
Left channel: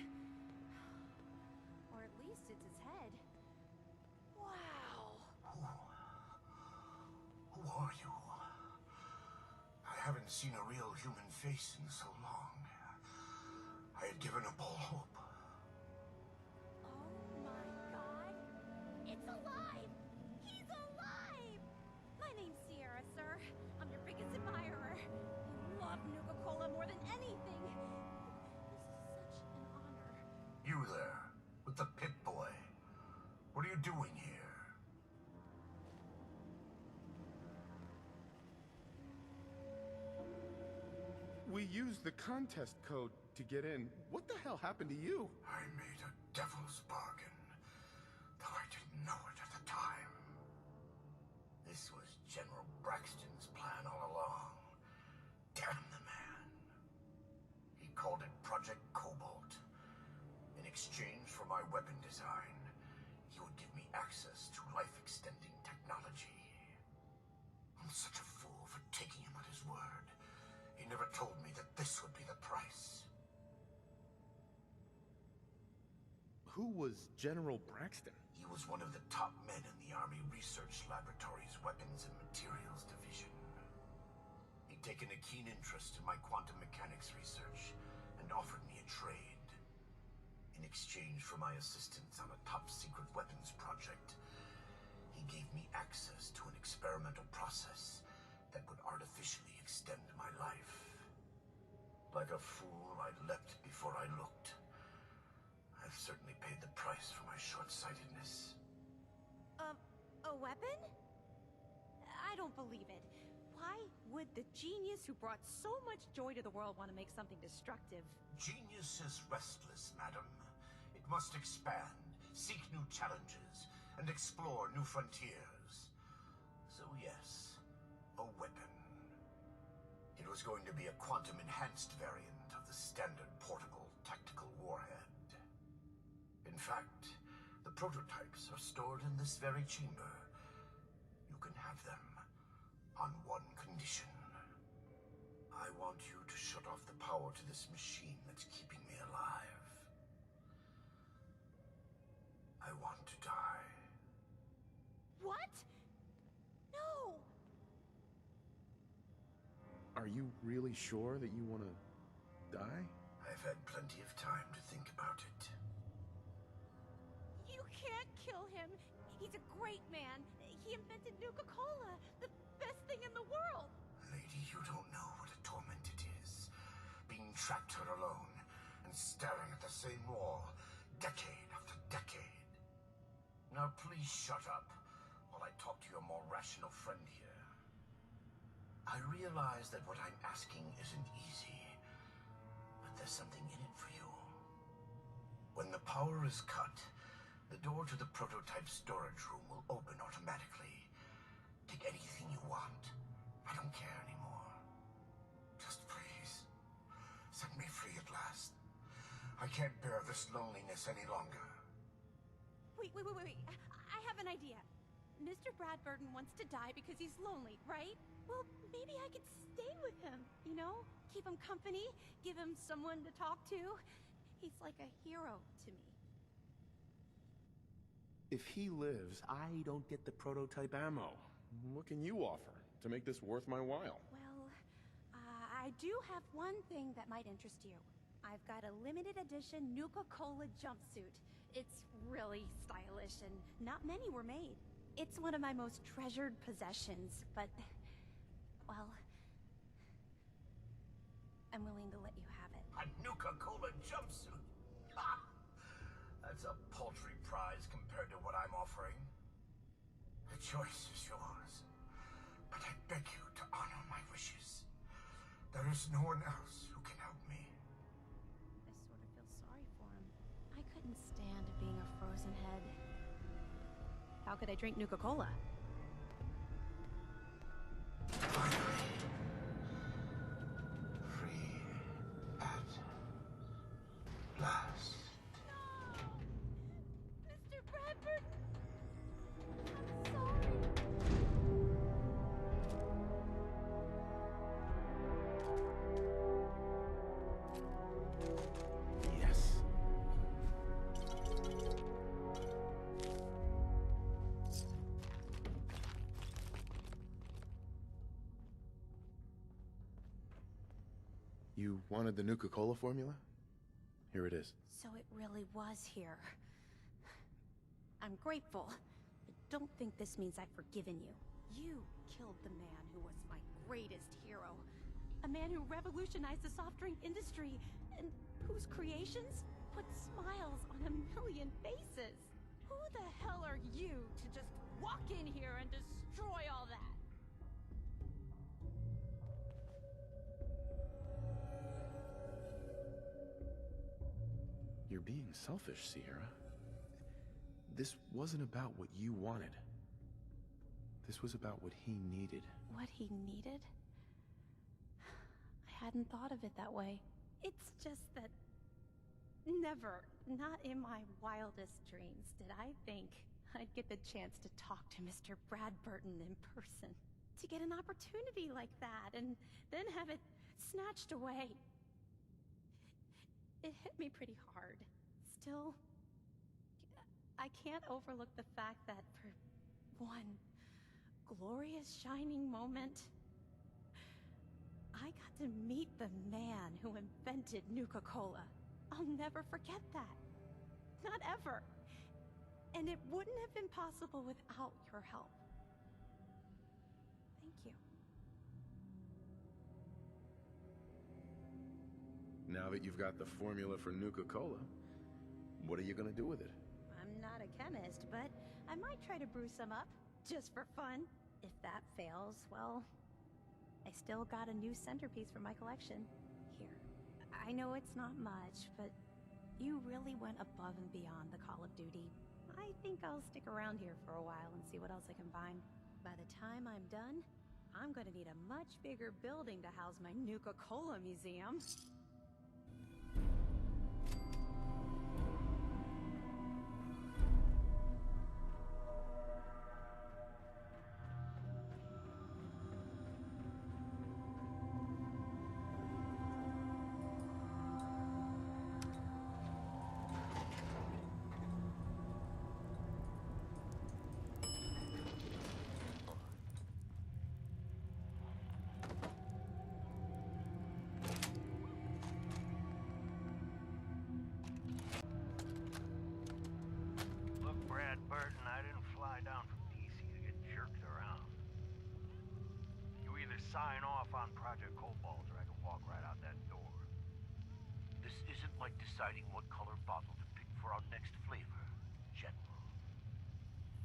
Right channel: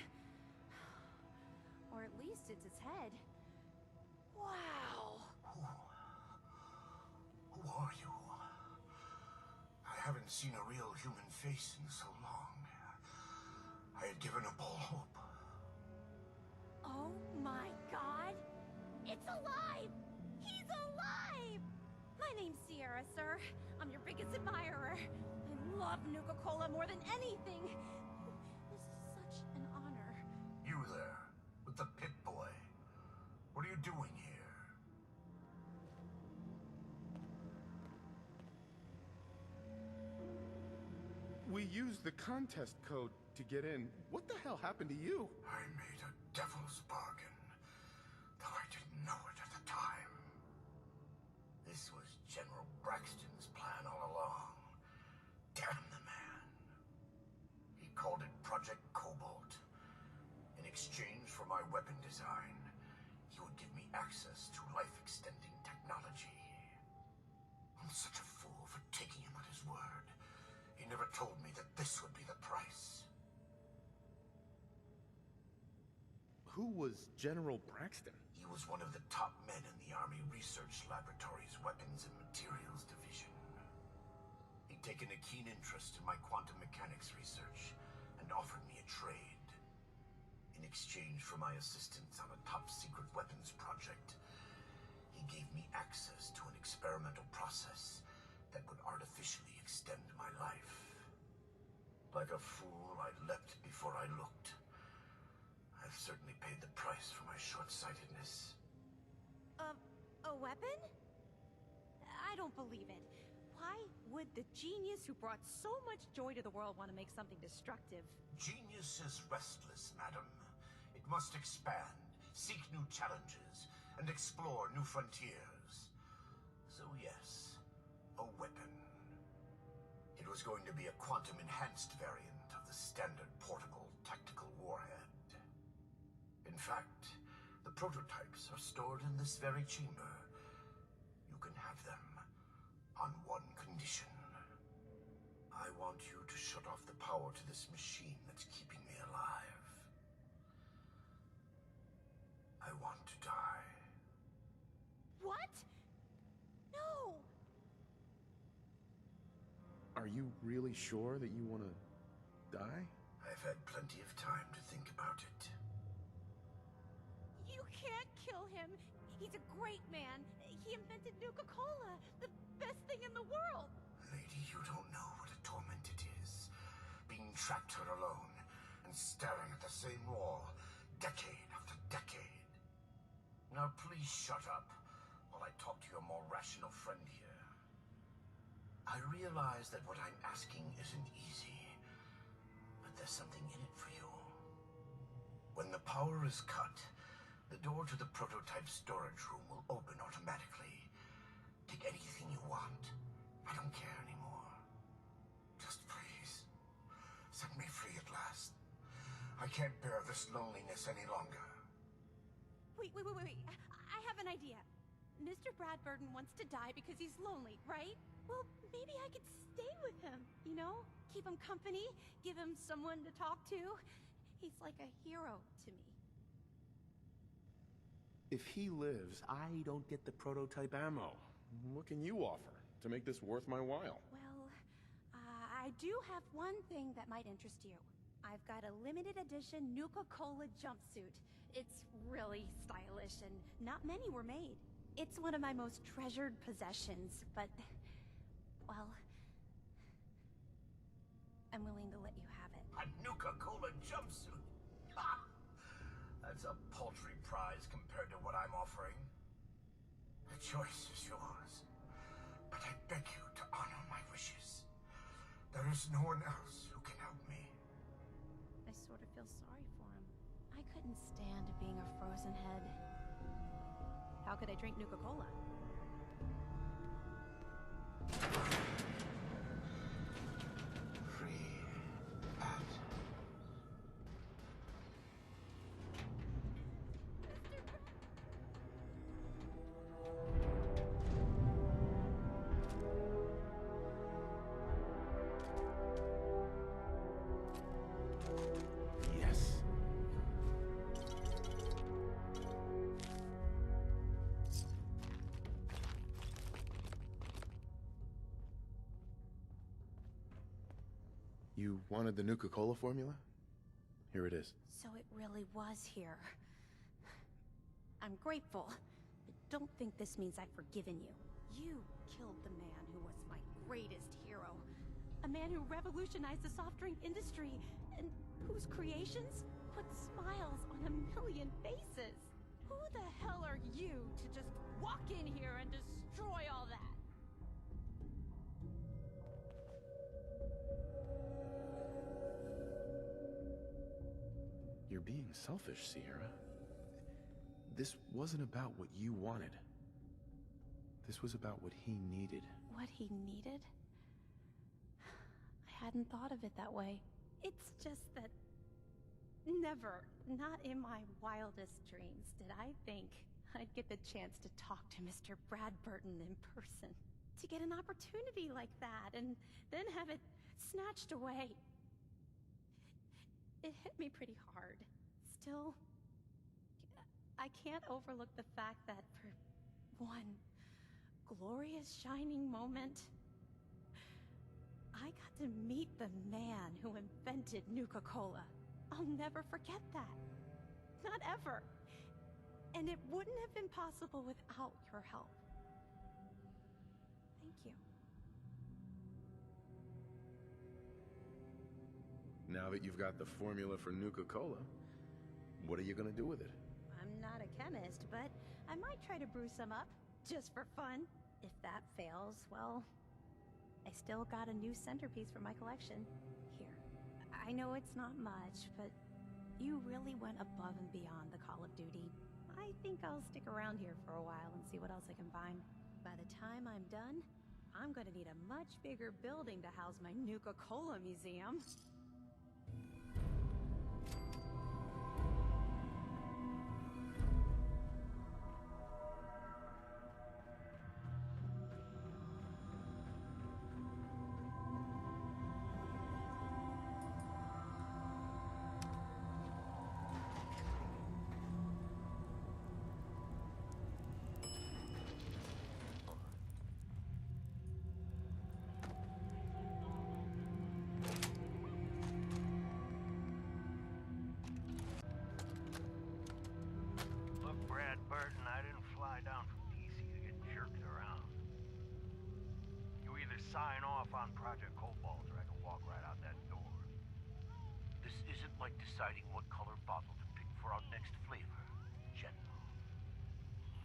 Or at least it's his head. Wow! Who are you? I haven't seen a real human face in so long. I had given up all hope. Oh my god! It's alive! He's alive! My name's Sierra, sir. I'm your biggest admirer. I love Nuka-Cola more than anything. This is such an honor. You there, with the pit boy. What are you doing here? We used the contest code to get in. What the hell happened to you? I made a devil's bargain, though I didn't know it at the time. This was General Braxton's plan all along. Damn the man. He called it Project Cobalt. In exchange for my weapon design, he would give me access to life-extending technology. I'm such a fool for taking him at his word. He never told me that this would be the price. Who was General Braxton? He was one of the top men in the Army Research Laboratory's Weapons and Materials Division. He'd taken a keen interest in my quantum mechanics research and offered me a trade. In exchange for my assistance on a top-secret weapons project, he gave me access to an experimental process that would artificially extend my life. Like a fool, I leapt before I looked. I've certainly paid the price for my short-sightedness. A weapon? I don't believe it. Why would the genius who brought so much joy to the world want to make something destructive? Genius is restless, madam. It must expand, seek new challenges, and explore new frontiers. So yes, a weapon. It was going to be a quantum-enhanced variant of the standard portable tactical warhead. In fact, the prototypes are stored in this very chamber. You can have them on one condition. I want you to shut off the power to this machine that's keeping me alive. I want to die. What? No! Are you really sure that you want to die? I've had plenty of time to think about it. You can't kill him. He's a great man. He invented Nuka-Cola, the best thing in the world. Lady, you don't know what a torment it is. Being trapped here alone and staring at the same wall, decade after decade. Now please shut up while I talk to your more rational friend here. I realize that what I'm asking isn't easy, but there's something in it for you. When the power is cut, the door to the prototype storage room will open automatically. Take anything you want. I don't care anymore. Just please, set me free at last. I can't bear this loneliness any longer. Wait. I have an idea. Mr. Bradburton wants to die because he's lonely, right? Well, maybe I could stay with him, you know? Keep him company, give him someone to talk to. He's like a hero to me. If he lives, I don't get the prototype ammo. What can you offer to make this worth my while? Well, I do have one thing that might interest you. I've got a limited edition Nuka-Cola jumpsuit. It's really stylish and not many were made. It's one of my most treasured possessions, but, well, I'm willing to let you have it. A Nuka-Cola jumpsuit? Ha! That's a paltry prize compared to what I'm offering. The choice is yours, but I beg you to honor my wishes. There is no one else who can help me. I sort of feel sorry for him. I couldn't stand being a frozen head. How could I drink Nuka-Cola? Free at last. Mr. Bradford! I'm sorry. You wanted the Nuka-Cola formula? Here it is. So it really was here. I'm grateful, but don't think this means I've forgiven you. You killed the man who was my greatest hero. A man who revolutionized the soft drink industry, and whose creations put smiles on a million faces. Who the hell are you to just walk in here and destroy all that? You're being selfish, Sierra. This wasn't about what you wanted. This was about what he needed. What he needed? I hadn't thought of it that way. It's just that never, not in my wildest dreams, did I think I'd get the chance to talk to Mr. Bradburton in person. To get an opportunity like that, and then have it snatched away. It hit me pretty hard. Still, I can't overlook the fact that for one glorious shining moment, I got to meet the man who invented Nuka-Cola. I'll never forget that. Not ever. And it wouldn't have been possible without your help. Thank you. Now that you've got the formula for Nuka-Cola, what are you gonna do with it? I'm not a chemist, but I might try to brew some up, just for fun. If that fails, well, I still got a new centerpiece for my collection. Here. I know it's not much, but you really went above and beyond the call of duty. I think I'll stick around here for a while and see what else I can find. By the time I'm done, I'm gonna need a much bigger building to house my Nuka-Cola museum. Look, Bradburton, I didn't fly down from DC to get jerked around. You either sign off on Project Cobalt or I can walk right out that door. This isn't like deciding what color bottle to pick for our next flavor, General.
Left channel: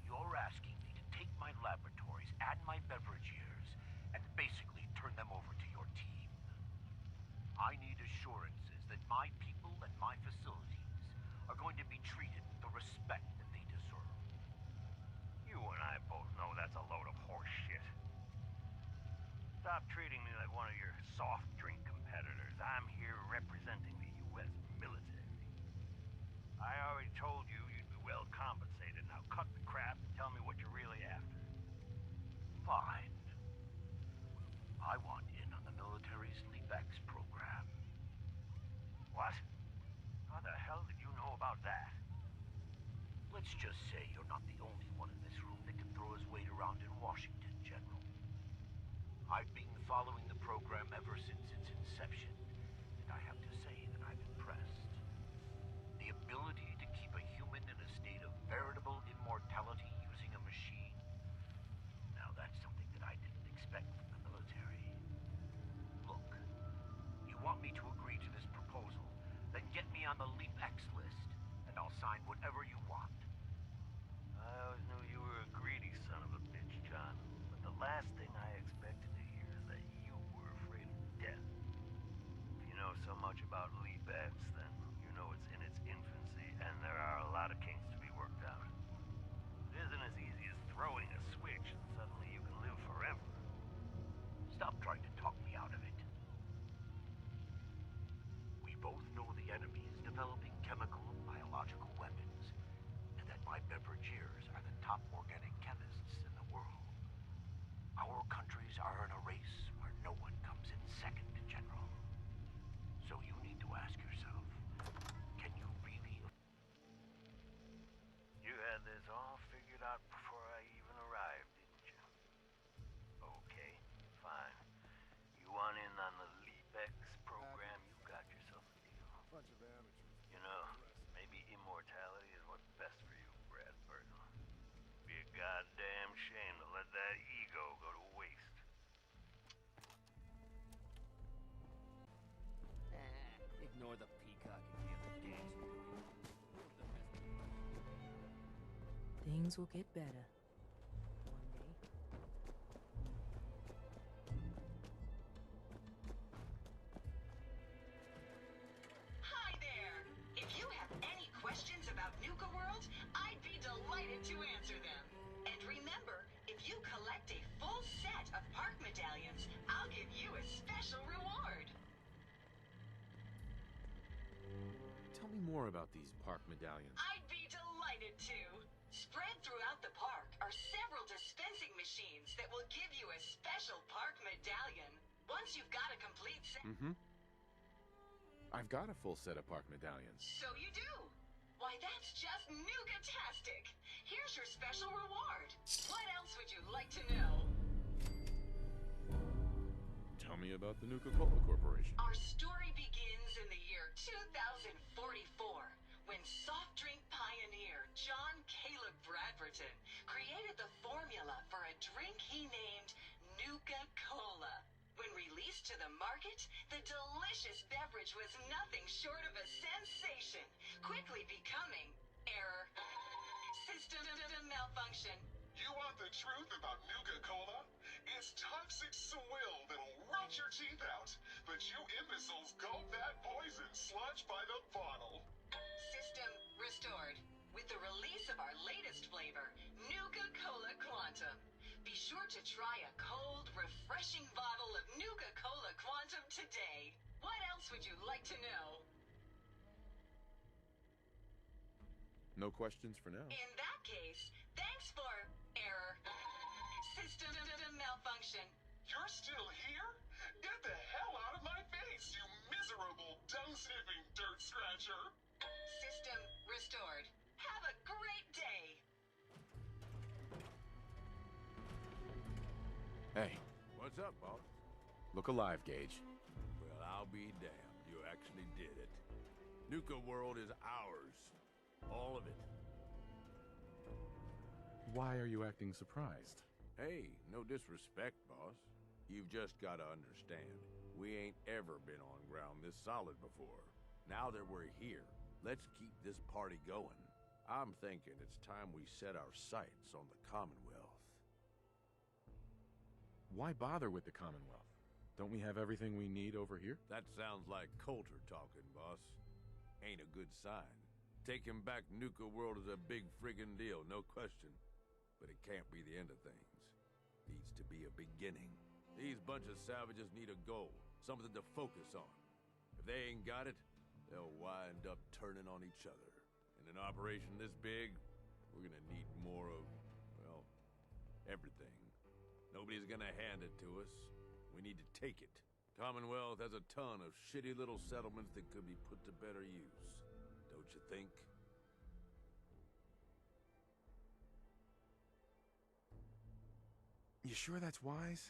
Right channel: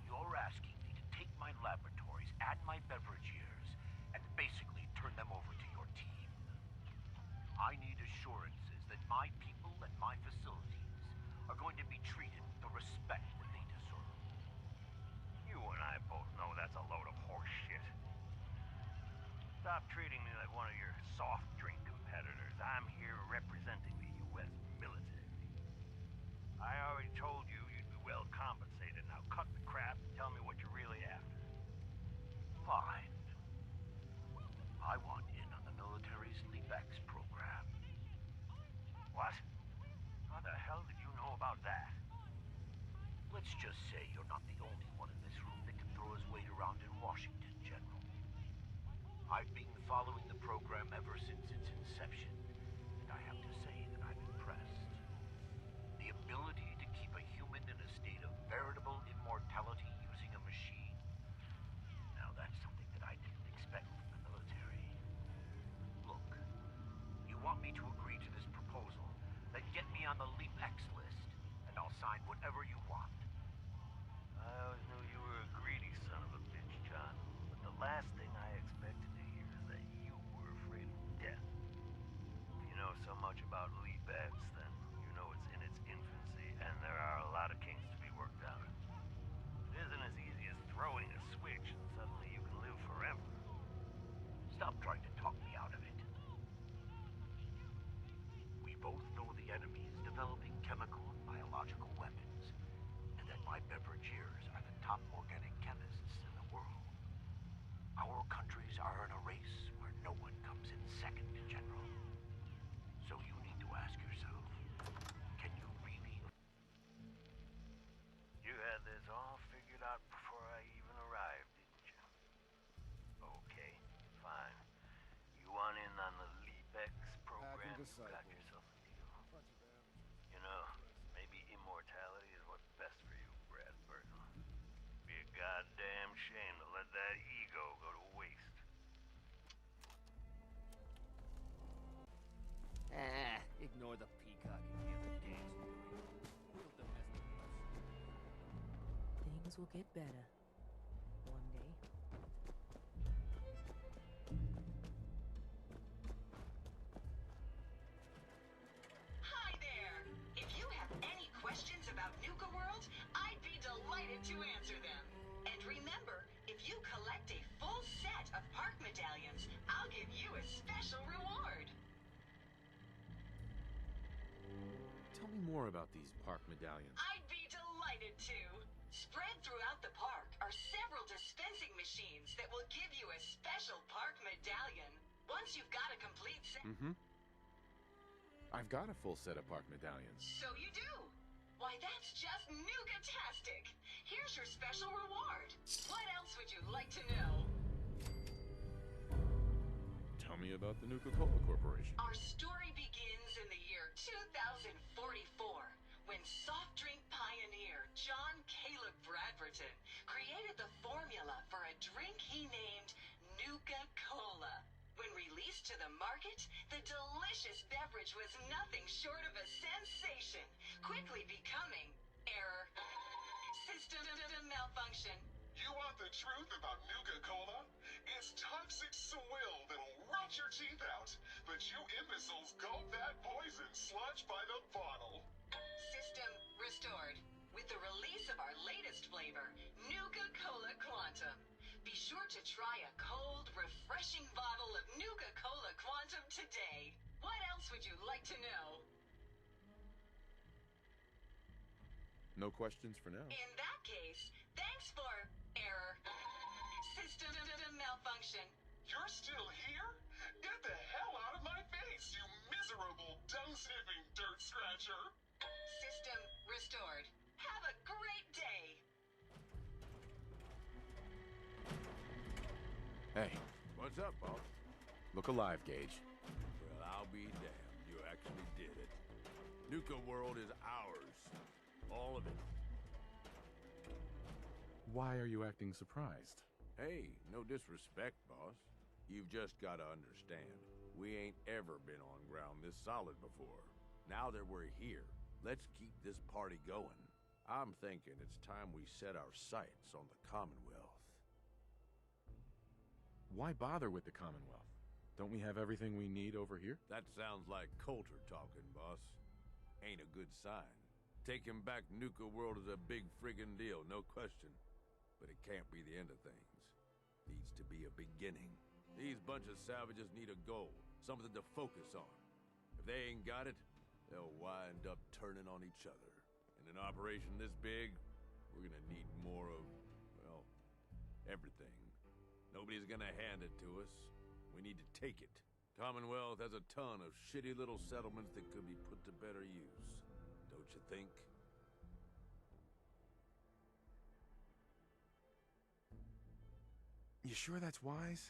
You're asking me to take my laboratories and my beverage years and basically turn them over to your team. I need assurances that my people and my facilities are going to be treated with the respect that they deserve. You and I both know that's a load of horse shit. Stop treating me like one of your soft drink competitors. I'm here representing the U.S. military. I already told you you'd be well compensated. Now cut the crap and tell me what you're really after. Fine. I want in on the military's LeapX program. What? How the hell did you know about that? Let's just say you're not the only one in this room that can throw his weight around in Washington, General. I've been following the program ever since its inception, and I have to say that I'm impressed. The ability to keep a human in a state of veritable immortality using a machine. Now that's something that I didn't expect from the military. Look, you want me to agree to this proposal, then get me on the LeapX list, and I'll sign whatever you want. I always knew you were a greedy son of a bitch, John, but the last thing I expected to hear is that you were afraid of death. If you know so much about LeapX, then you know it's in its infancy, and there are a lot of kinks to be worked out. It isn't as easy as throwing a switch and suddenly you can live forever. Stop trying to talk me out of it. We both know the enemy is developing chemical and biological weapons, and that my beverage years are the top organic chemists in the world. Our countries are in a race where no one comes in second, General. So you need to ask yourself, can you really... You had this all figured out before I even arrived, didn't you? Okay, fine. You want in on the LeapX program? Ignore the peacocking the other gangs are doing. We'll domesticate us. Things will get better. One day. Hi there! If you have any questions about Nuka-World, I'd be delighted to answer them. And remember, if you collect a full set of park medallions, I'll give you a special reward. Tell me more about these park medallions. I'd be delighted to. Spread throughout the park are several dispensing machines that will give you a special park medallion. Once you've got a complete set... I've got a full set of park medallions. So you do. Why, that's just Nuka-tastic. Here's your special reward. What else would you like to know? Tell me about the Nuka-Cola Corporation. Our story begins in the year 2044, when soft drink pioneer John Caleb Bradberton created the formula for a drink he named Nuka-Cola. When released to the market, the delicious beverage was nothing short of a sensation, quickly becoming error. System malfunction. You want the truth about Nuka-Cola? It's toxic swill that'll rot your teeth out, but you imbeciles gulp that poison sludge by the bottle. System restored. With the release of our latest flavor, Nuka-Cola Quantum. Be sure to try a cold, refreshing bottle of Nuka-Cola Quantum today. What else would you like to know? No questions for now. In that case, thanks for error. System malfunction. You're still here? Get the hell out of my face, you miserable, dung-sniffing dirt scratcher! System restored. Have a great day. Hey, What's up, boss? look alive, Gage. Well, I'll be damned. You actually did it. Nuka-World is ours. All of it. Why are you acting surprised? Hey, no disrespect, boss. You've just gotta understand. We ain't ever been on ground this solid before. Now that we're here, let's keep this party going. I'm thinking it's time we set our sights on the Commonwealth. Why bother with the Commonwealth? Don't we have everything we need over here? That sounds like Coulter talking, boss. Ain't a good sign. Taking back Nuka-World is a big friggin' deal, no question. But it can't be the end of things. Needs to be a beginning. These bunch of savages need a goal, something to focus on. If they ain't got it, they'll wind up turning on each other. In an operation this big, we're gonna need more of, well, everything. Nobody's gonna hand it to us. We need to take it. Commonwealth has a ton of shitty little settlements that could be put to better use. Don't you think? You sure that's wise?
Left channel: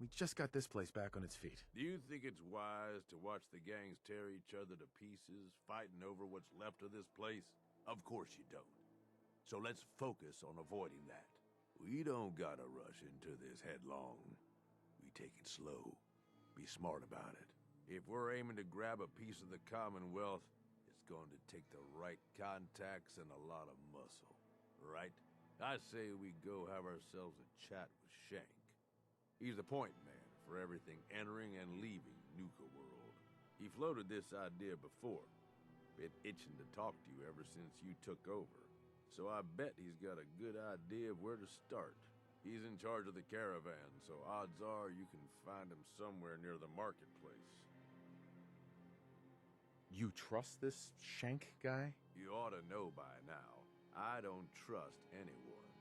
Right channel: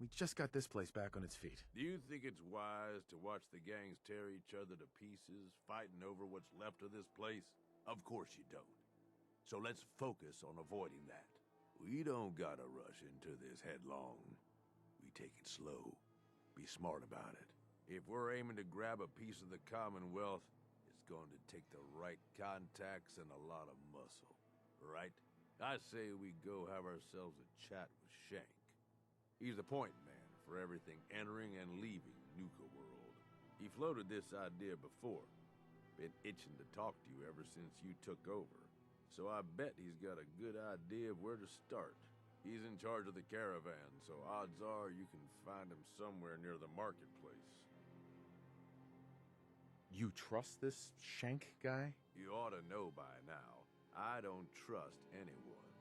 We just got this place back on its feet. Do you think it's wise to watch the gangs tear each other to pieces, fighting over what's left of this place? Of course you don't. So let's focus on avoiding that. We don't gotta rush into this headlong. We take it slow. Be smart about it. If we're aiming to grab a piece of the Commonwealth, it's going to take the right contacts and a lot of muscle. Right? I say we go have ourselves a chat with Shank. He's the point man for everything entering and leaving Nuka-World. He floated this idea before. Been itching to talk to you ever since you took over. So I bet he's got a good idea of where to start. He's in charge of the caravan, so odds are you can find him somewhere near the marketplace. You trust this Shank guy? You ought to know by now. I don't trust anyone.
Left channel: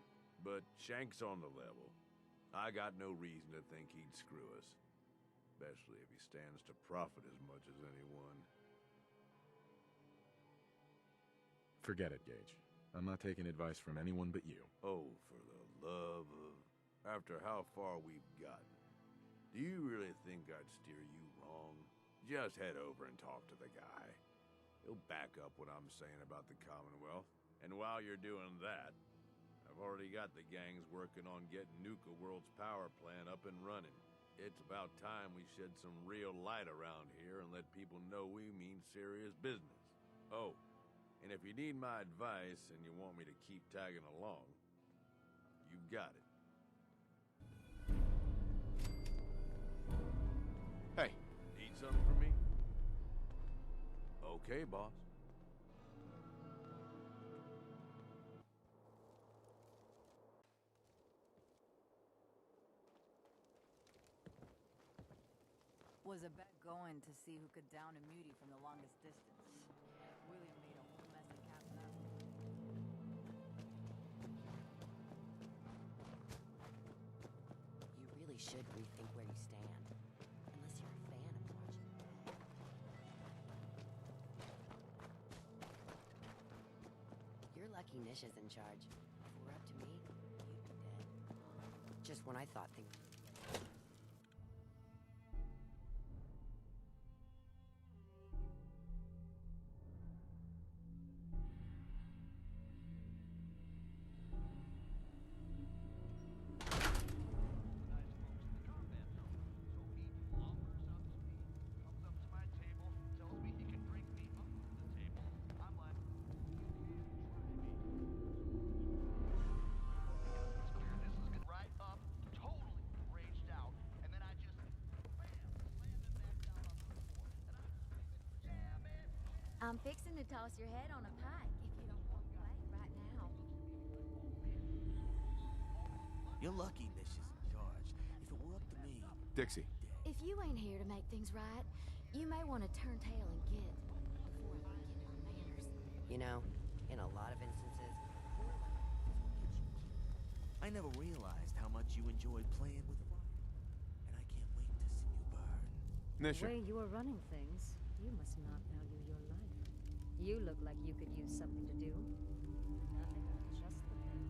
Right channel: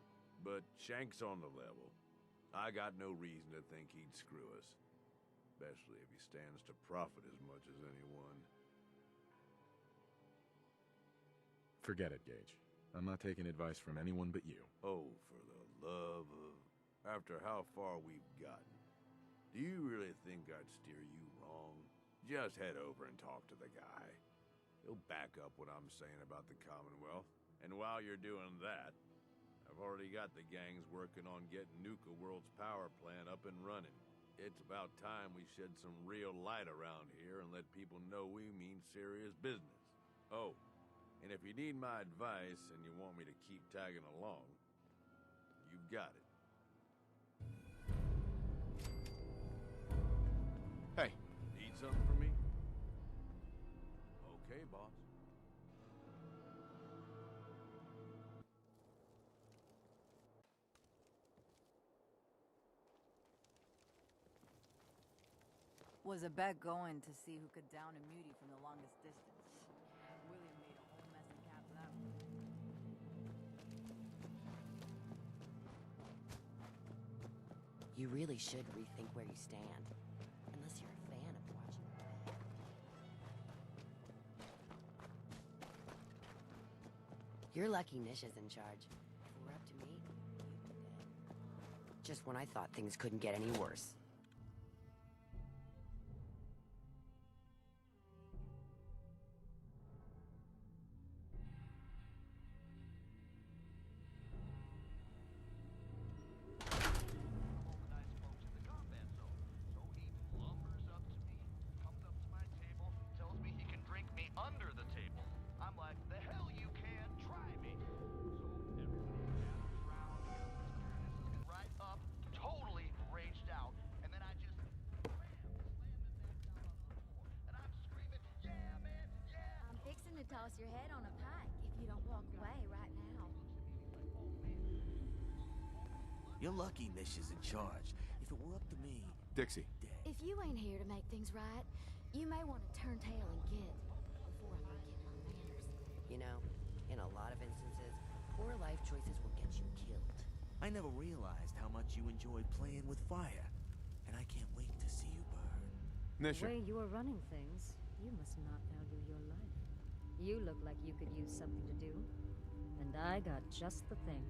But Shank's on the level. I got no reason to think he'd screw us. Especially if he stands to profit as much as anyone. Forget it, Gage. I'm not taking advice from anyone but you. Oh, for the love of... After how far we've gotten, do you really think I'd steer you wrong? Just head over and talk to the guy. He'll back up what I'm saying about the Commonwealth. And while you're doing that, I've already got the gangs working on getting Nuka-World's power plant up and running. It's about time we shed some real light around here and let people know we mean serious business. Oh, and if you need my advice and you want me to keep tagging along, you've got it. Hey. Need something from me? Okay, boss. Was a bet going to see who could down a mutie from the longest distance. William made a whole mess of caps out of him. You really should rethink where you stand. Unless you're a fan of watching. You're lucky Nish is in charge. If it were up to me, you'd be dead. Just when I thought things couldn't get any worse. I'm fixing to toss your head on a pike if you don't walk away right now. You're lucky Nish is in charge. If it were up to me... Dixie. If you ain't here to make things right, you may want to turn tail and get before I forget my manners. You know, in a lot of instances, poor life choices will get you killed. I never realized how much you enjoyed playing with fire. And I can't wait to see you burn. Nisha. The way you are running things, you must not value your life. You look like you could use something to do. And I got just the thing.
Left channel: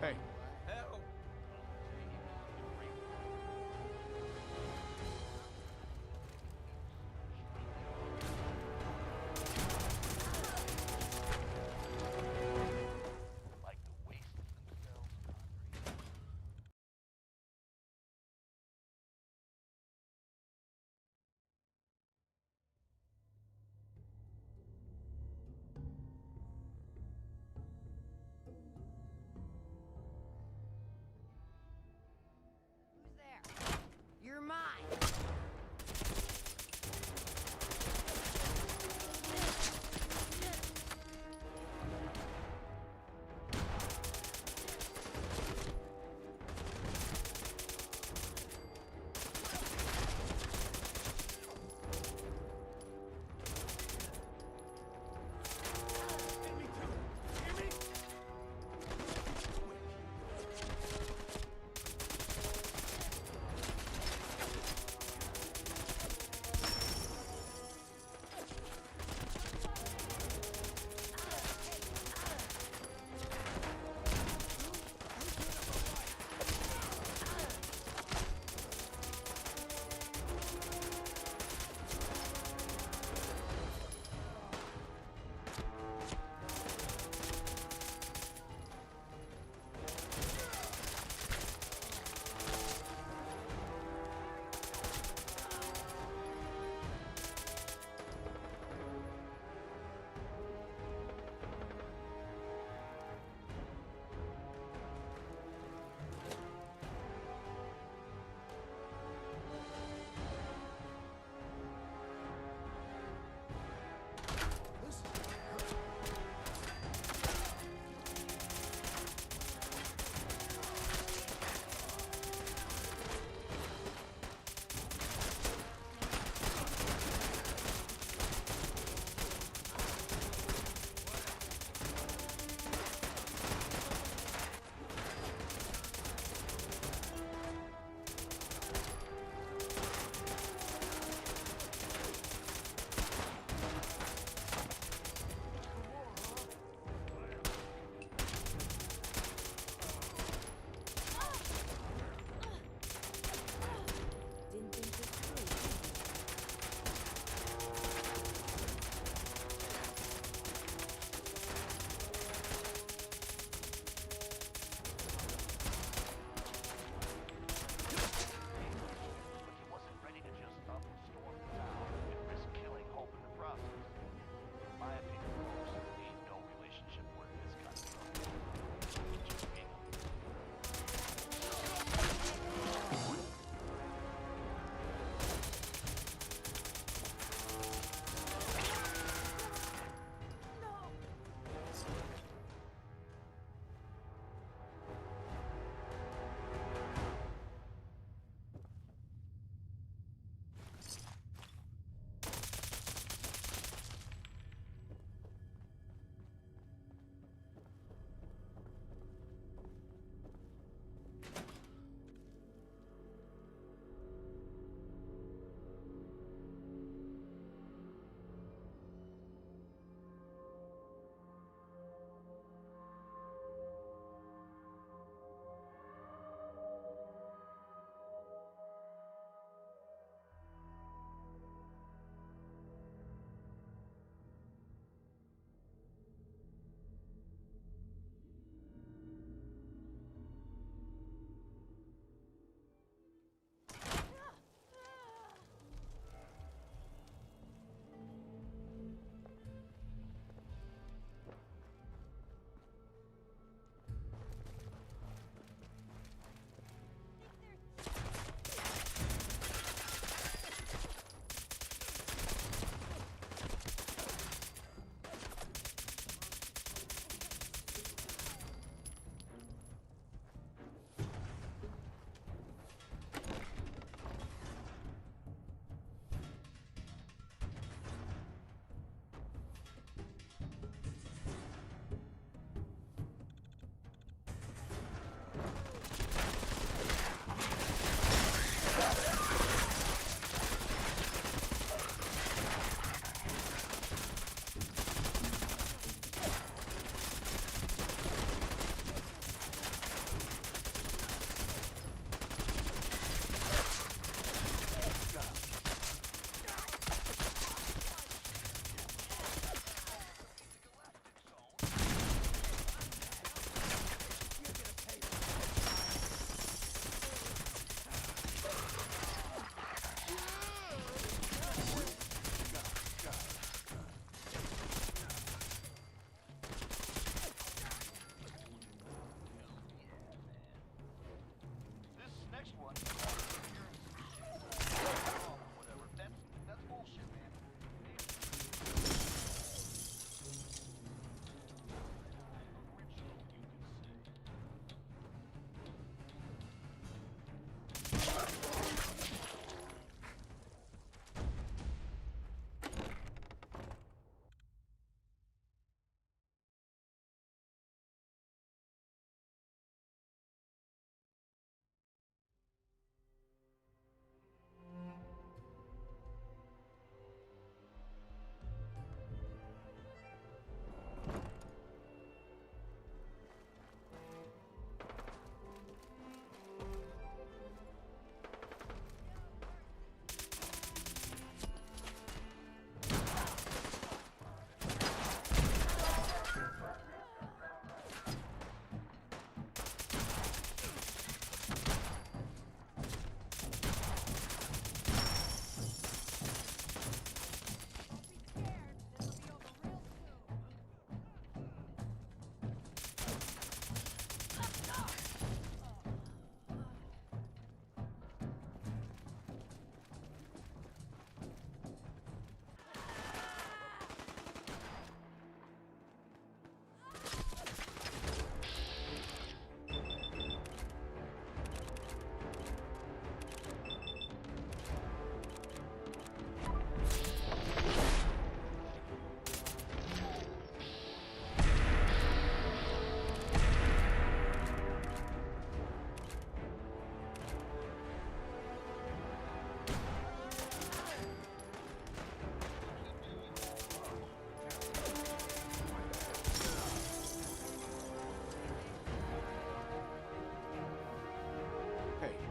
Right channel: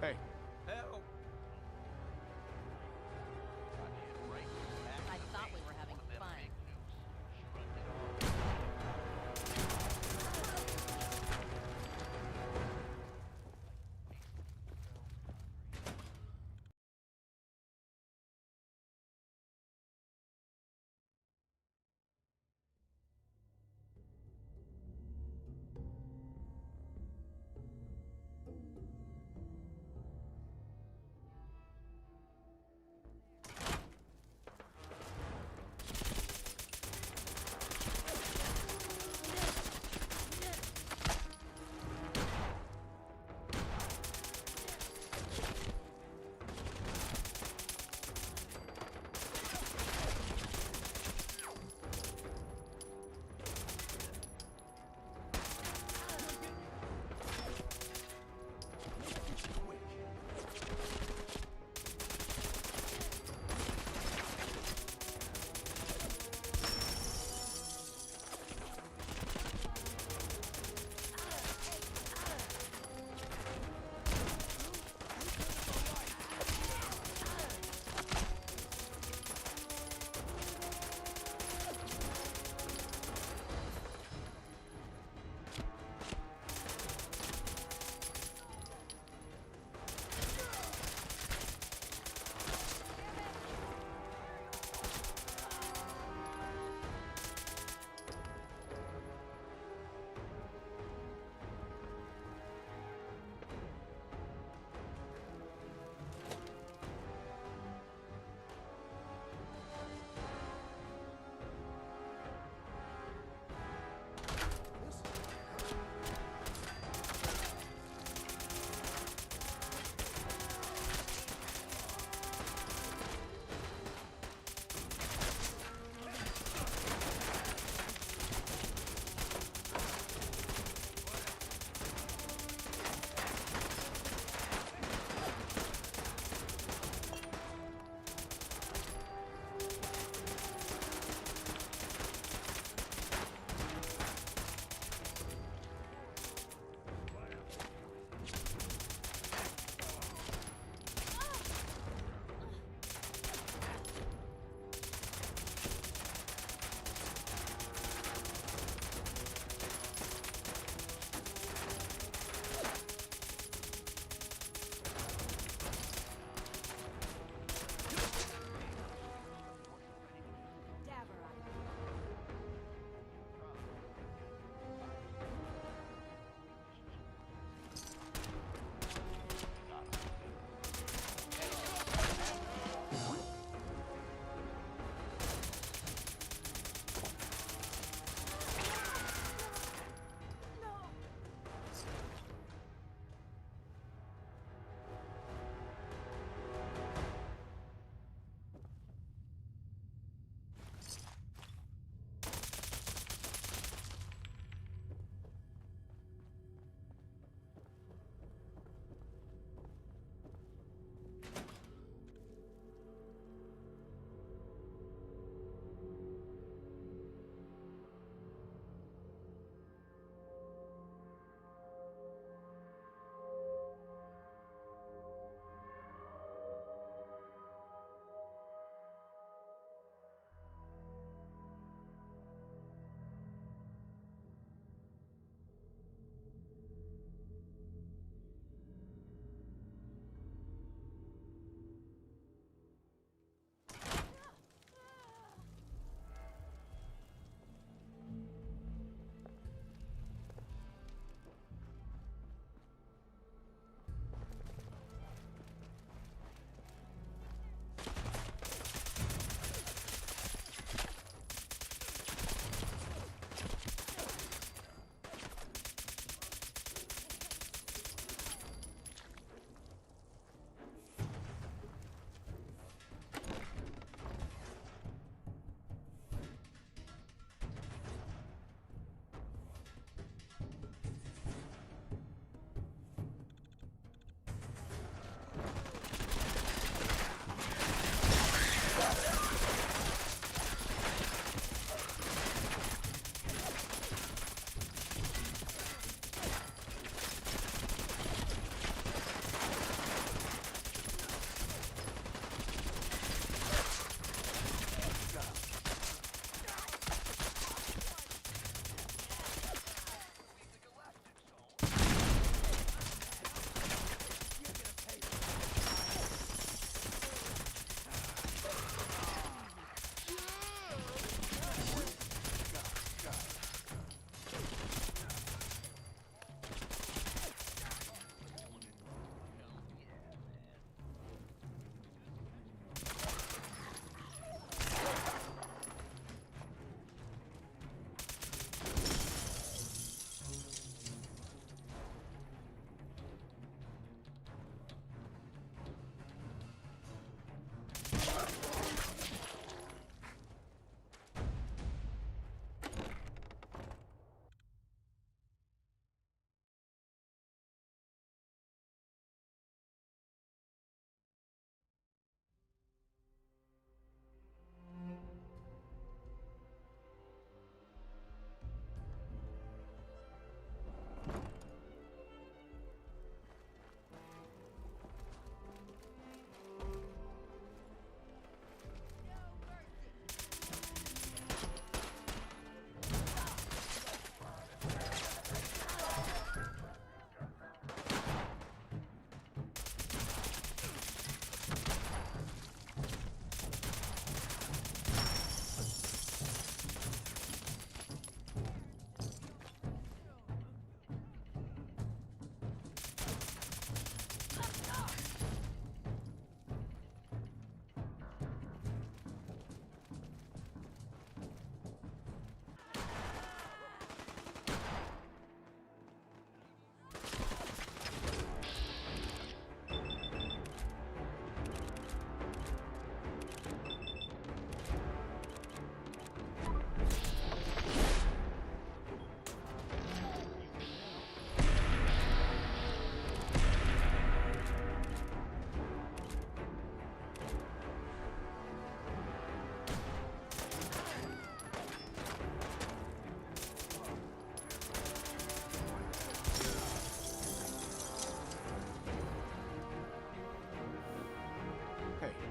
Hey. Help! I thought we were having fun.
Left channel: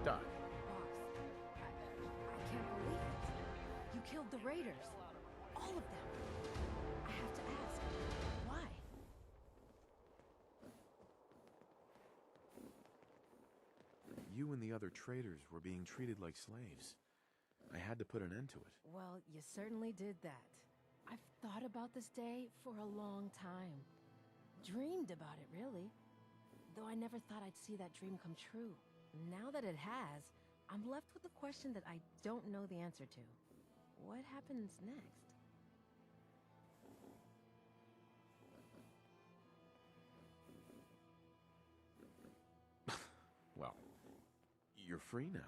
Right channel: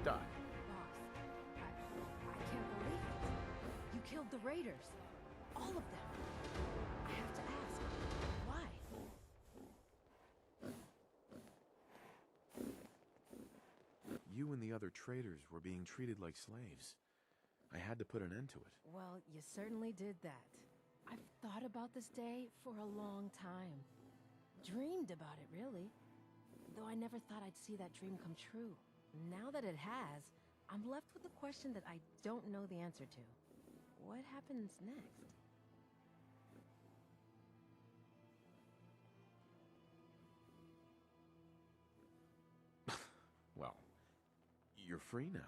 Doc. Boss, I can't believe it. You killed the raiders. All of them. I have to ask, why? You and the other traders were being treated like slaves. I had to put an end to it. Well, you certainly did that. I've thought about this day for a long time. Dreamed about it, really. Though I never thought I'd see that dream come true. Now that it has, I'm left with a question that I don't know the answer to. What happens next? Well, you're free now.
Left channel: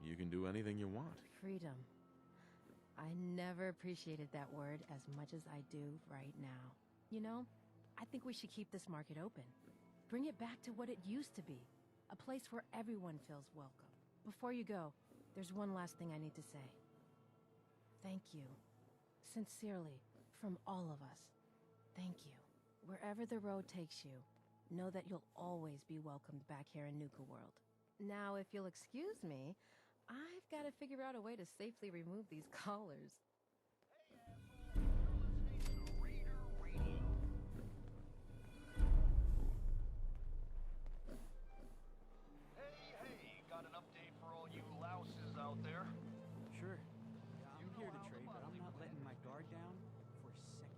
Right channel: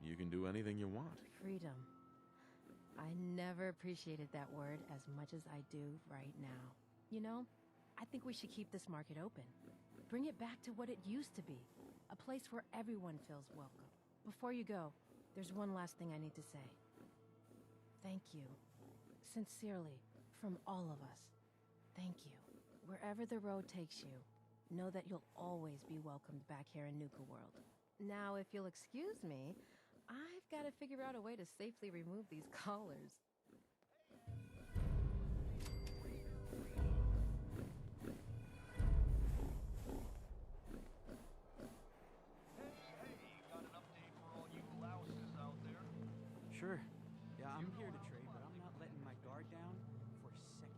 You can do anything you want. Freedom. I never appreciated that word as much as I do right now. You know, I think we should keep this market open. Bring it back to what it used to be. A place where everyone feels welcome. Before you go, there's one last thing I need to say. Thank you. Sincerely, from all of us. Thank you. Wherever the road takes you, know that you'll always be welcomed back here in Nuka-World. Now, if you'll excuse me, I've got to figure out a way to safely remove these collars. Hey, got an update for all you louses out there? Sure. Yeah, I'm here to trade, but I'm not letting my guard down for a second.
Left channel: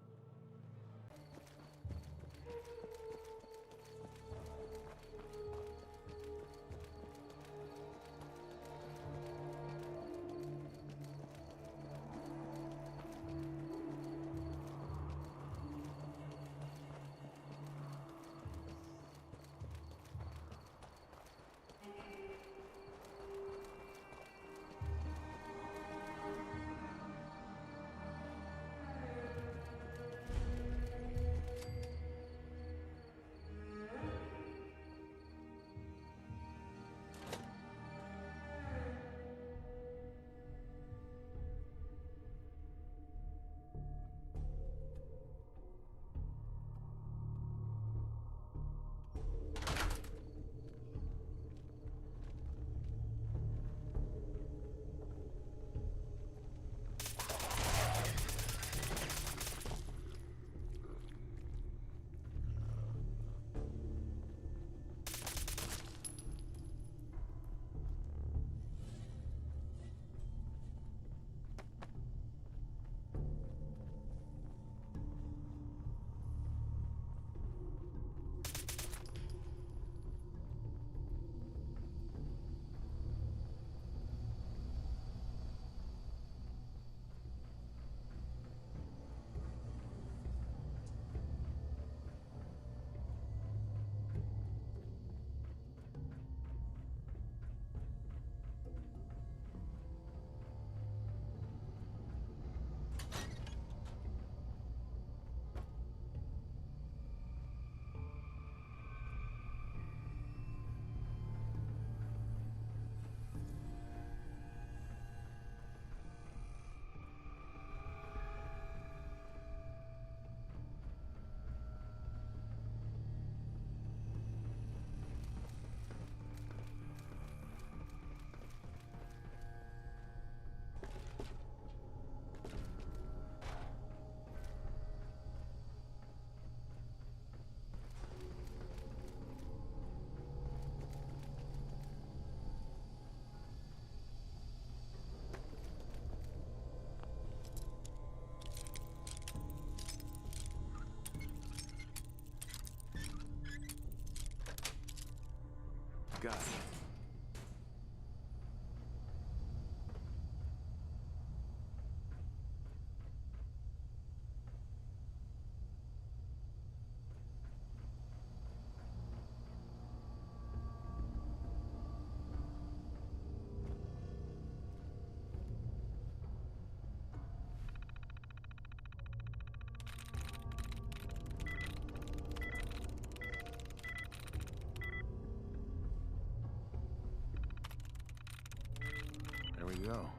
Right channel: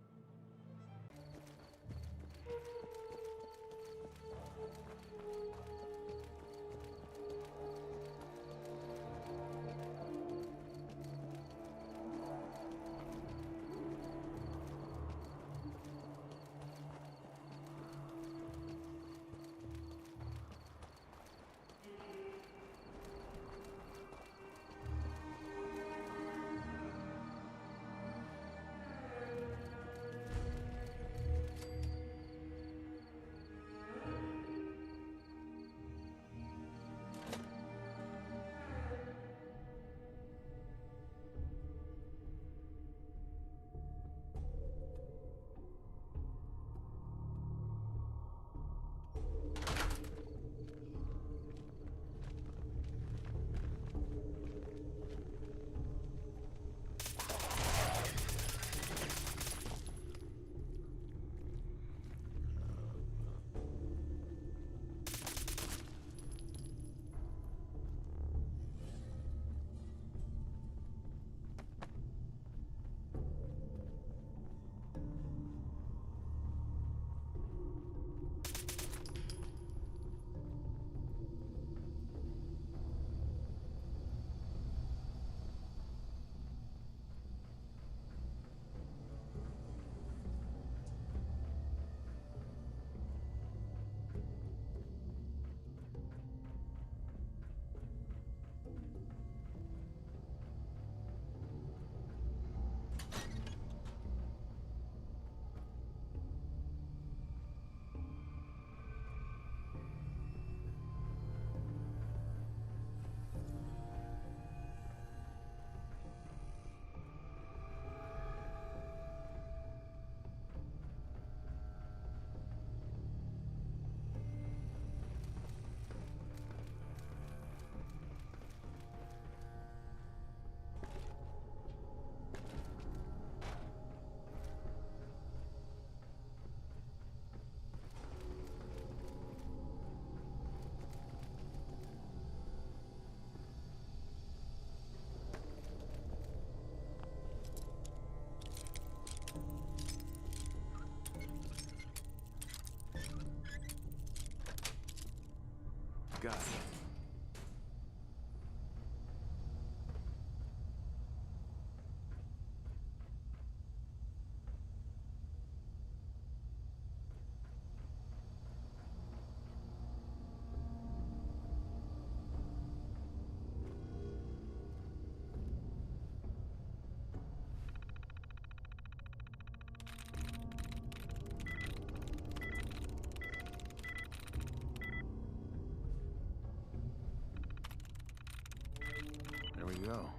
Got it. There we go.